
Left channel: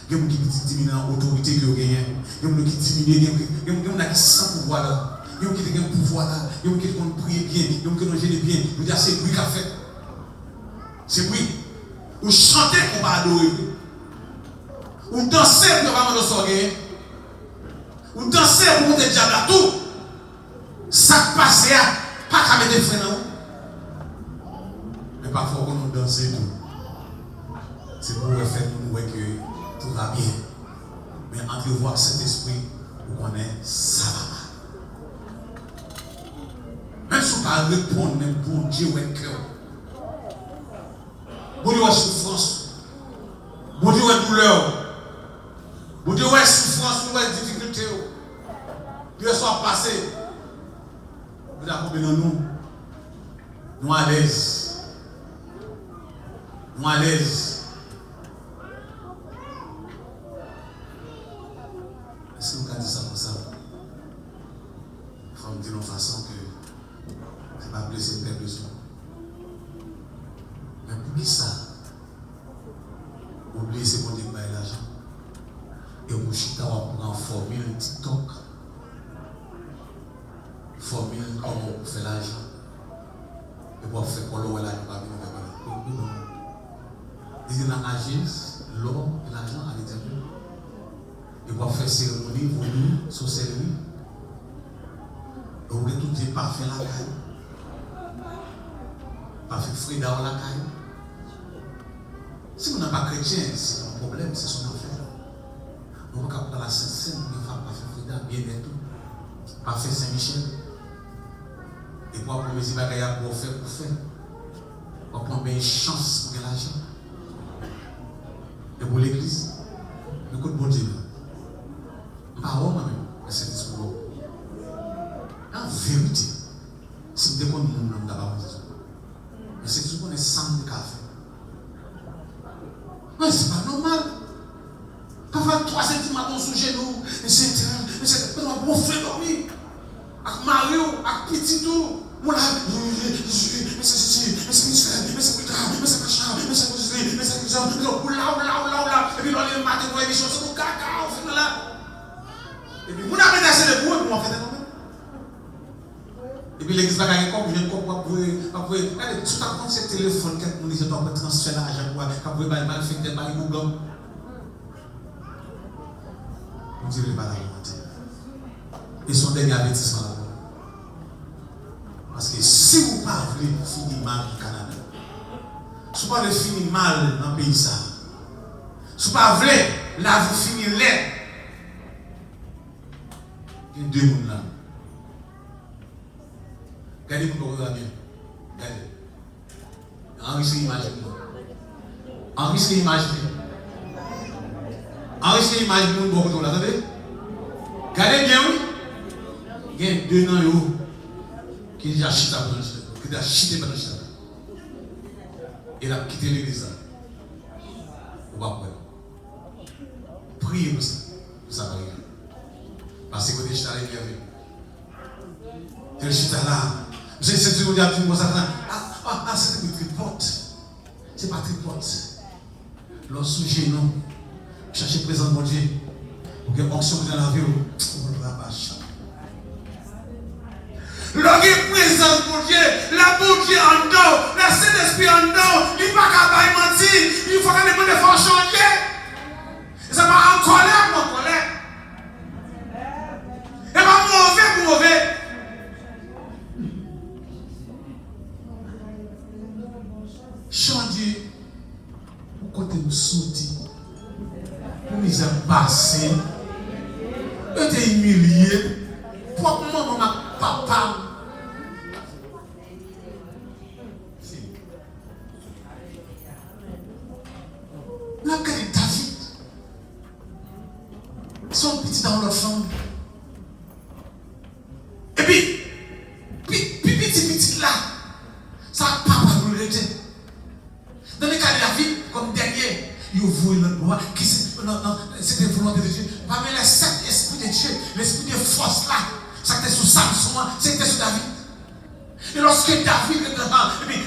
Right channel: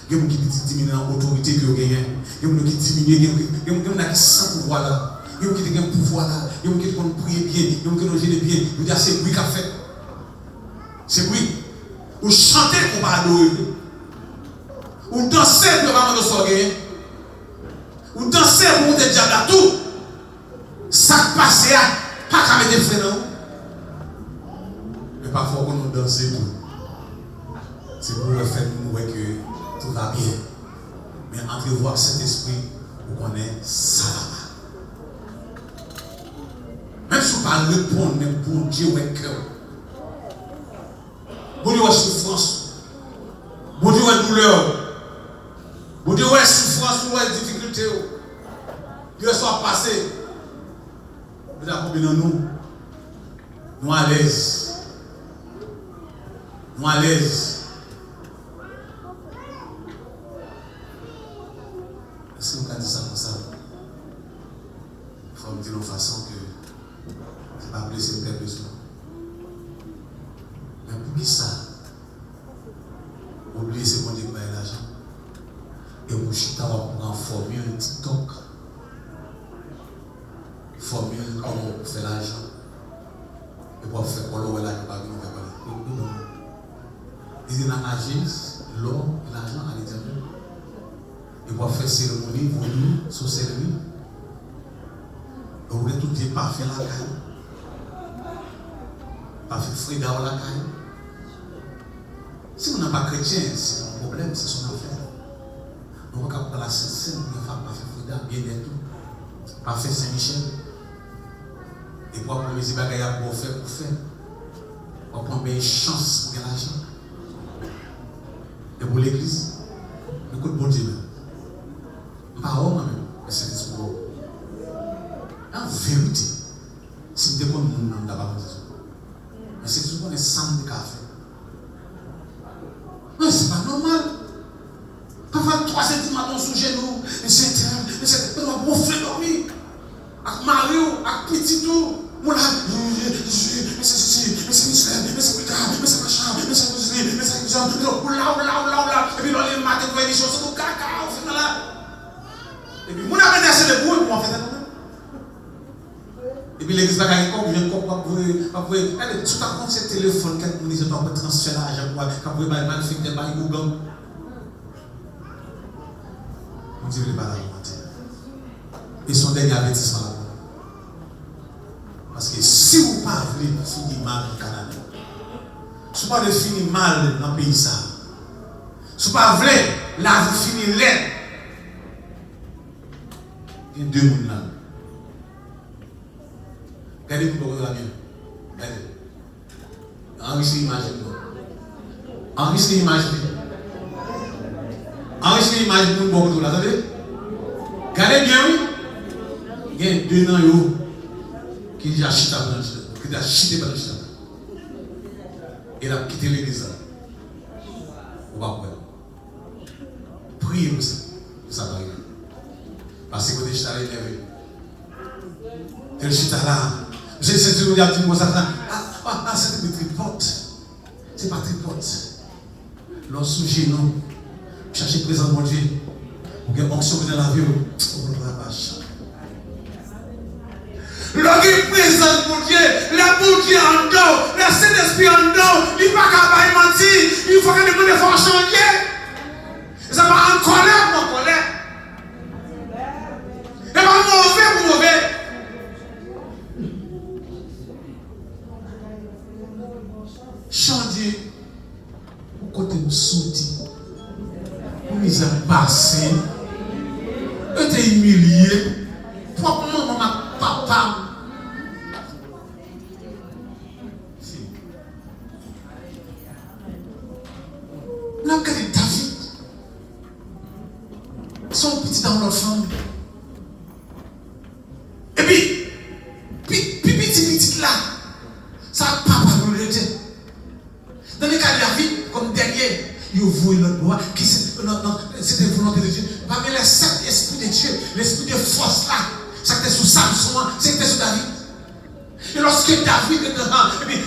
Il y a des gens qui diminuent en autorité que vous gagnez. Il y a des gens qui diminuent, il y a des gens qui sont sans pouvoir là. Il y a des gens qui ont un pouvoir là. Il y a des gens qui prient bien. Il y a des gens qui ont géré bien. Vous dites, c'est lui qui a fait. C'est lui. Ou chanter pour pas adorer. Ou danser pour pas me sortir. Ou danser pour monter le diable à tout. Ça passe à pas qu'à mettre des freins non. Mais parfois quand nous dansons tout. C'est pour faire nous que tout va bien. Mais entrevoir cet esprit pour qu'on ait ça là. Même si on ne peut pas répondre, même pour Dieu avec cœur. Bon Dieu, souffrance. Bon Dieu, douleur. Bon Dieu, souffrance, difficulté. Dieu soit passé. Nous avons besoin de nous. Nous à l'aise. Nous à l'aise. Est-ce que vous avez dit ça comme ça? Il faut me dire de façon que je ne vais pas blesser le besoin. Mais pour qui ça? Oubliez ce qu'on dit par l'argent. Et pour chita, on va former un TikTok. formule comment on fait l'argent. Et pour faire quoi, l'eau, là, il va venir. Il dit l'argent, l'eau, l'argent à l'intérieur. Et pour faire cérémonie, vous sous cérémonie. Vous voulez tout dire parfait la caille. Parfait Frida dans la caille. Si vous n'êtes pas chrétien, c'est un problème, c'est son affaire. Nous ne pouvons pas la Sainte-Seine, nous ne pouvons pas faire Frida, bien et tout. Parfait Saint-Michel. Et pour prendre mes bagages pour faire, pour prendre une chance pour gagner l'argent. Et pour l'église, nous coûtons bon Dieu. Pas moi-même, mais c'est ce qu'on en vérité, si vous déconnez mon nom d'abord, mais c'est tout ce qu'on est sans de café. Mais c'est pas normal. Parfois, 3 cm sous genou, et c'est un bon frère dormi. Avec Mario, avec Petit tout. Mon là, mais c'est plus tard, mais c'est machin, mais c'est ceci, mais c'est ça, là. Et puis, dans les matins, vous avez des choses, c'est tout caca, on fait là. Et puis, vous avez acheté le bout, et puis on fait ça. Et puis l'église va gagner comme je ne comprends pas. Regardez, tout à compte ce téléphone, quelqu'un dit je dois pas transférer l'argent, quand vous avez mal fait, vous avez Google. On dirait pas la volonté. Et son dernier avertissement là. Parce que si vous ne voulez pas finir mal au Canada, si vous ne voulez pas finir mal dans le pays, si vous ne voulez pas la vie finir laide, il y a 2 personnes là. Regardez pour vous bien. Regardez. Enrichissez l'image. Enrichissez l'image. Enrichissez l'image pour nous beaucoup. Attendez. Regardez bien, oui. Il y a 2 ans qui a chuté pendant le qui a chuté pendant le et il a quitté l'église. Vous va voir. Priez pour ça. Pour ça va arriver. Parce que vous êtes chuté élevé. Elle chuté là. C'est ce que vous avez dit, c'est des tripotes. C'est pas tripote. L'on sujet, non. Cherchez présent mon Dieu. Pour que l'onction vous ait la vie. On va pas chanter. L'on est présent mon Dieu. La bonne Dieu en dos. La Saint-Esprit en dos. Il ne faut pas mentir. Il faut que les gens fassent changer. Ça va en colère pour colère. Et pas mauvais pour mauvais. Changer, pour côté nous sortir, nous avons passé, nous avons humilié, propre maman, papa. Nous avons gardé David, son petit dans leur chambre. Et puis, petit là, ça papa vous le dit. Dans le cas de la vie, comme dernier, il ouvre le droit, qui c'était volonté de Dieu. Parmi les 7 esprits de Dieu, l'esprit de force là, ça était sur Samson, c'était sur David. Et lorsque David était dedans, mais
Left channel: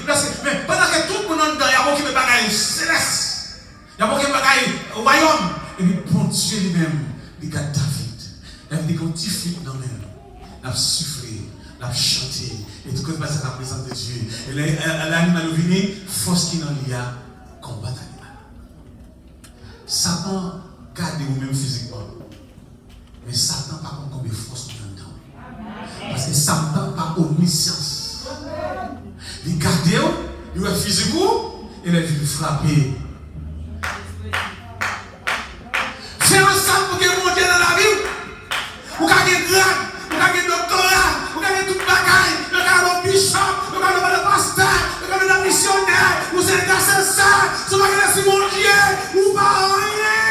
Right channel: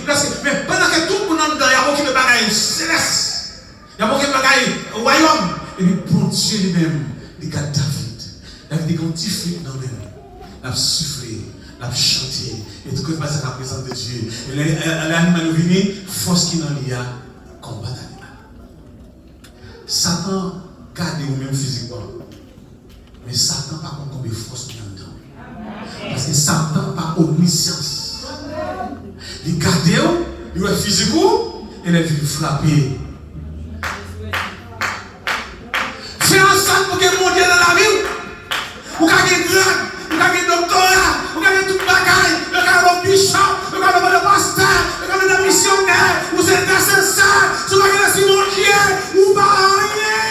pendant que tout le monde dedans, il y a beaucoup de bagailles célestes, il y a beaucoup de bagailles royaume, et puis bon Dieu lui-même, il regarde David. David est quand il fait dans lui, il a soufflé. La chanter et tout que passe à la présence de Dieu. Et l'animal venu, force qui n'en y a, combat l'animal. Satan garde vous-même physiquement. Mais Satan par contre comme force qui en dedans. Parce que Satan par omniscience. Il garde vous, il est physiquement et il est venu frapper. C'est ensemble pour que mon Dieu dans la vie. Vous gagnez grade. Vous avez doctorat, vous avez tout le bagaille, vous avez le bishop, vous avez le pasteur, vous avez le missionnaire, vous êtes cassé ça, vous avez le mon Dieu, vous parlez rien.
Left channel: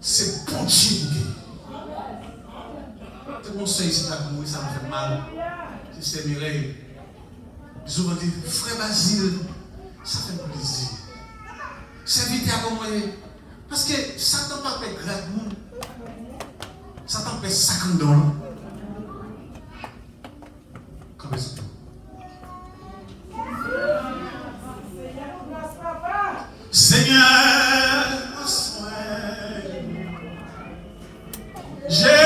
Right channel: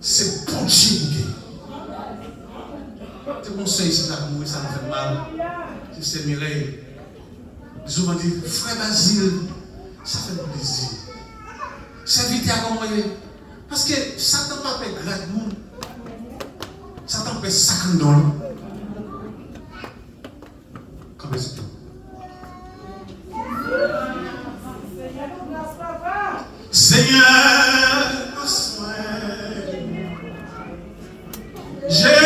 C'est bon Dieu. C'est mon conseil ici, ça me fait mal. C'est Mireille. Souvent dit, frère Basile, ça fait plaisir. C'est vite à comprendre. Parce que Satan ne peut pas faire grâce nous. Satan peut faire 50 $. Comme ça. Seigneur, J'ai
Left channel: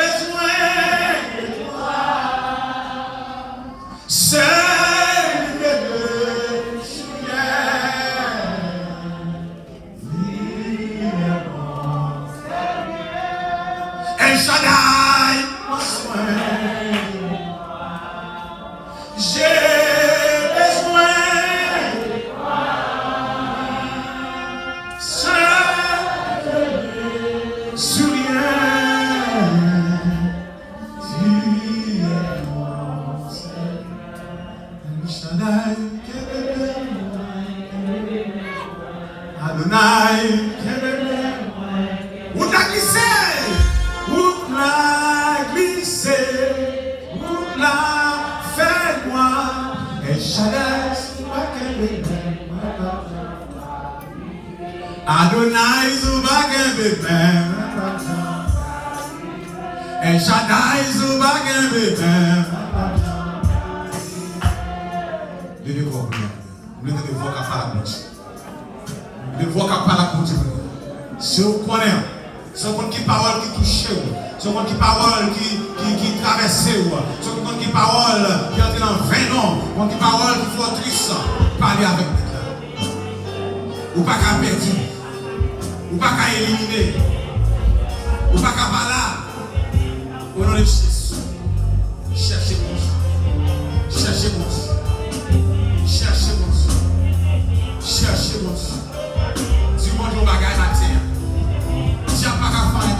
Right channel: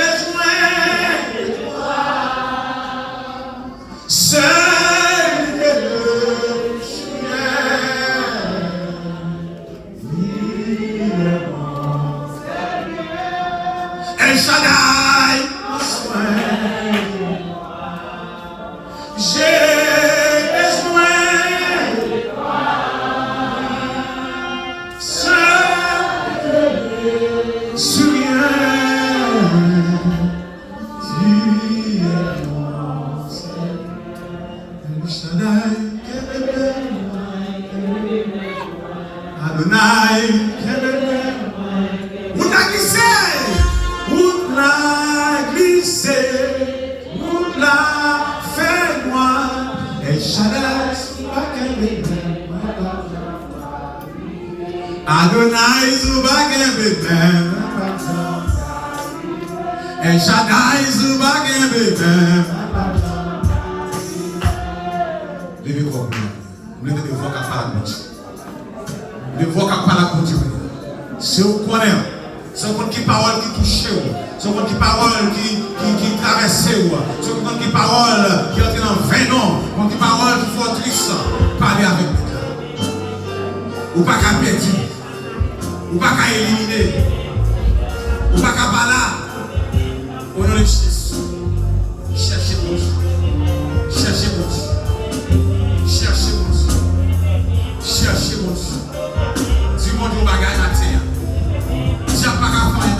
besoin de toi. Seul que le ciel. El Shaddai, mon soin. J'ai besoin de toi. Seul que le souviens. Tu es mon Seigneur. El Shaddai, Adonai, où t'as glissé? Où t'as glissé? Où t'as fait moi? El Shaddai, Adonai, Zubaken Bebem. El Shaddai, Zubaken Bebem. Levez vos mains. Vous mettez des voix qui parlent à la des voix qui parlent à la c'est au point. C'est au qui parole qui touche. C'est au qui parole qui traverse. C'est au qui parole qui entre dans 20 ans. C'est au qui parole qui fortrisse. Parlez avec nous. Ou pas qu'à perdre. Ou pas qu'à éliminer. Ou pas qu'à parler. Au nom de Jésus. Cherchez mon Dieu. Cherchez mon Dieu. Cherchez mon Dieu. Cherchez mon Dieu. Dis-moi du bagage matin. Diable pas qu'à faire.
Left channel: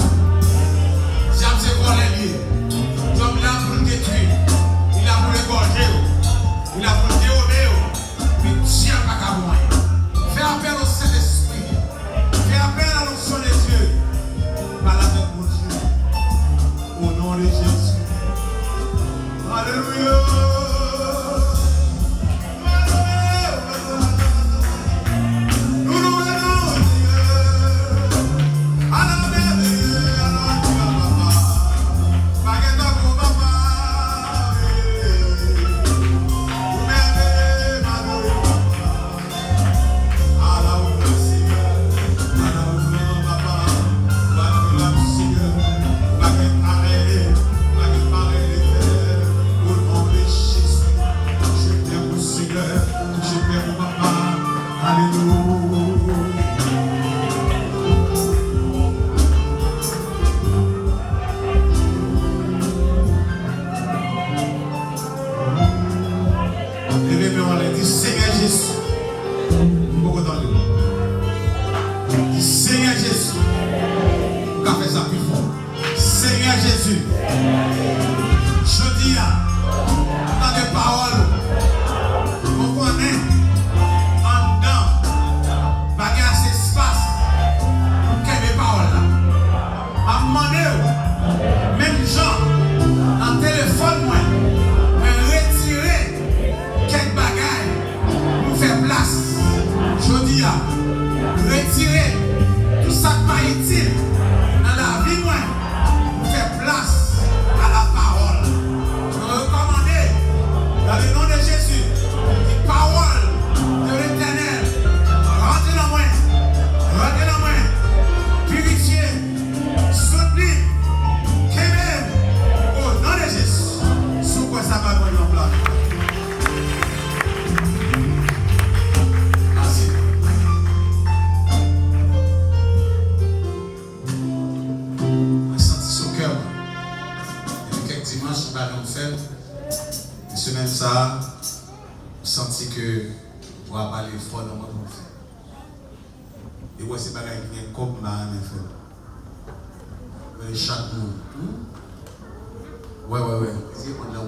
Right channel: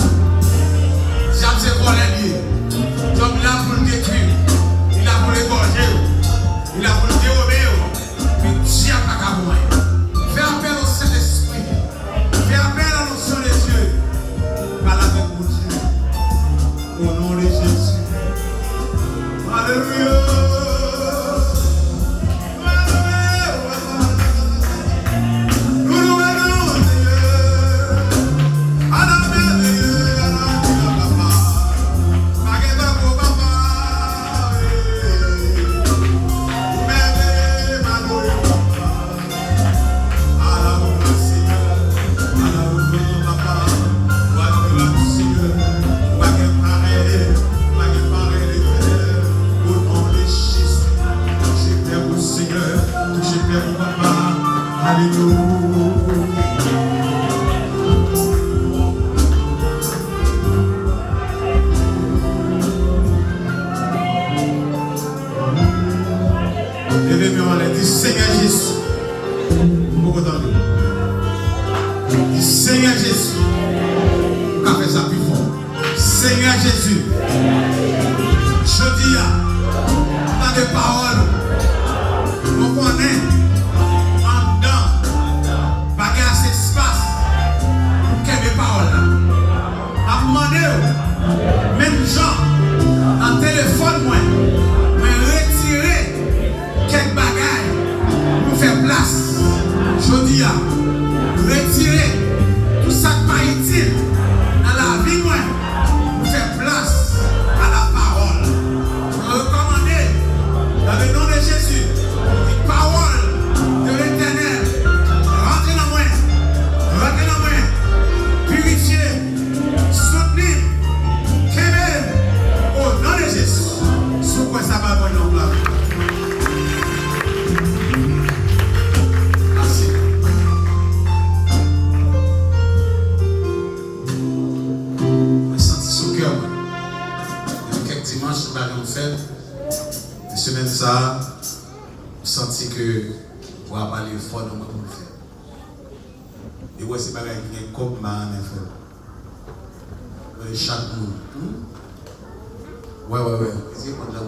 Diable c'est qu'on est lié. Diable il a pour le détruire. Il a pour l'égorger. Il a pour le dérober. Mais diable pas qu'à faire. Fais appel au Saint-Esprit. Fais appel à l'onction des yeux. Parle avec mon Dieu. Au nom de Jésus. Alléluia. Seigneur Jésus, vous avez fait ça plus fort. Seigneur Jésus, je dis dans des paroles, on connaît en dedans, bagage cet espace, quelle des paroles là. À demander, même gens, en téléphone, moi retirer quelques bagages pour faire place. Je dis retirer tout ça qui pas utile dans la vie pour faire place à la parole. Je recommande dans le nom de Jésus, la parole de l'Éternel, rentrez dans moi, purifier, soutenir, qu'aimer au nom de Jésus. Sous quoi ça va venir en place? Une semaine ça, on sentit que on va parler fort dans notre fait. Et ouais, c'est pas là qui est comme ma chaque monde. Ouais. C'est quoi là?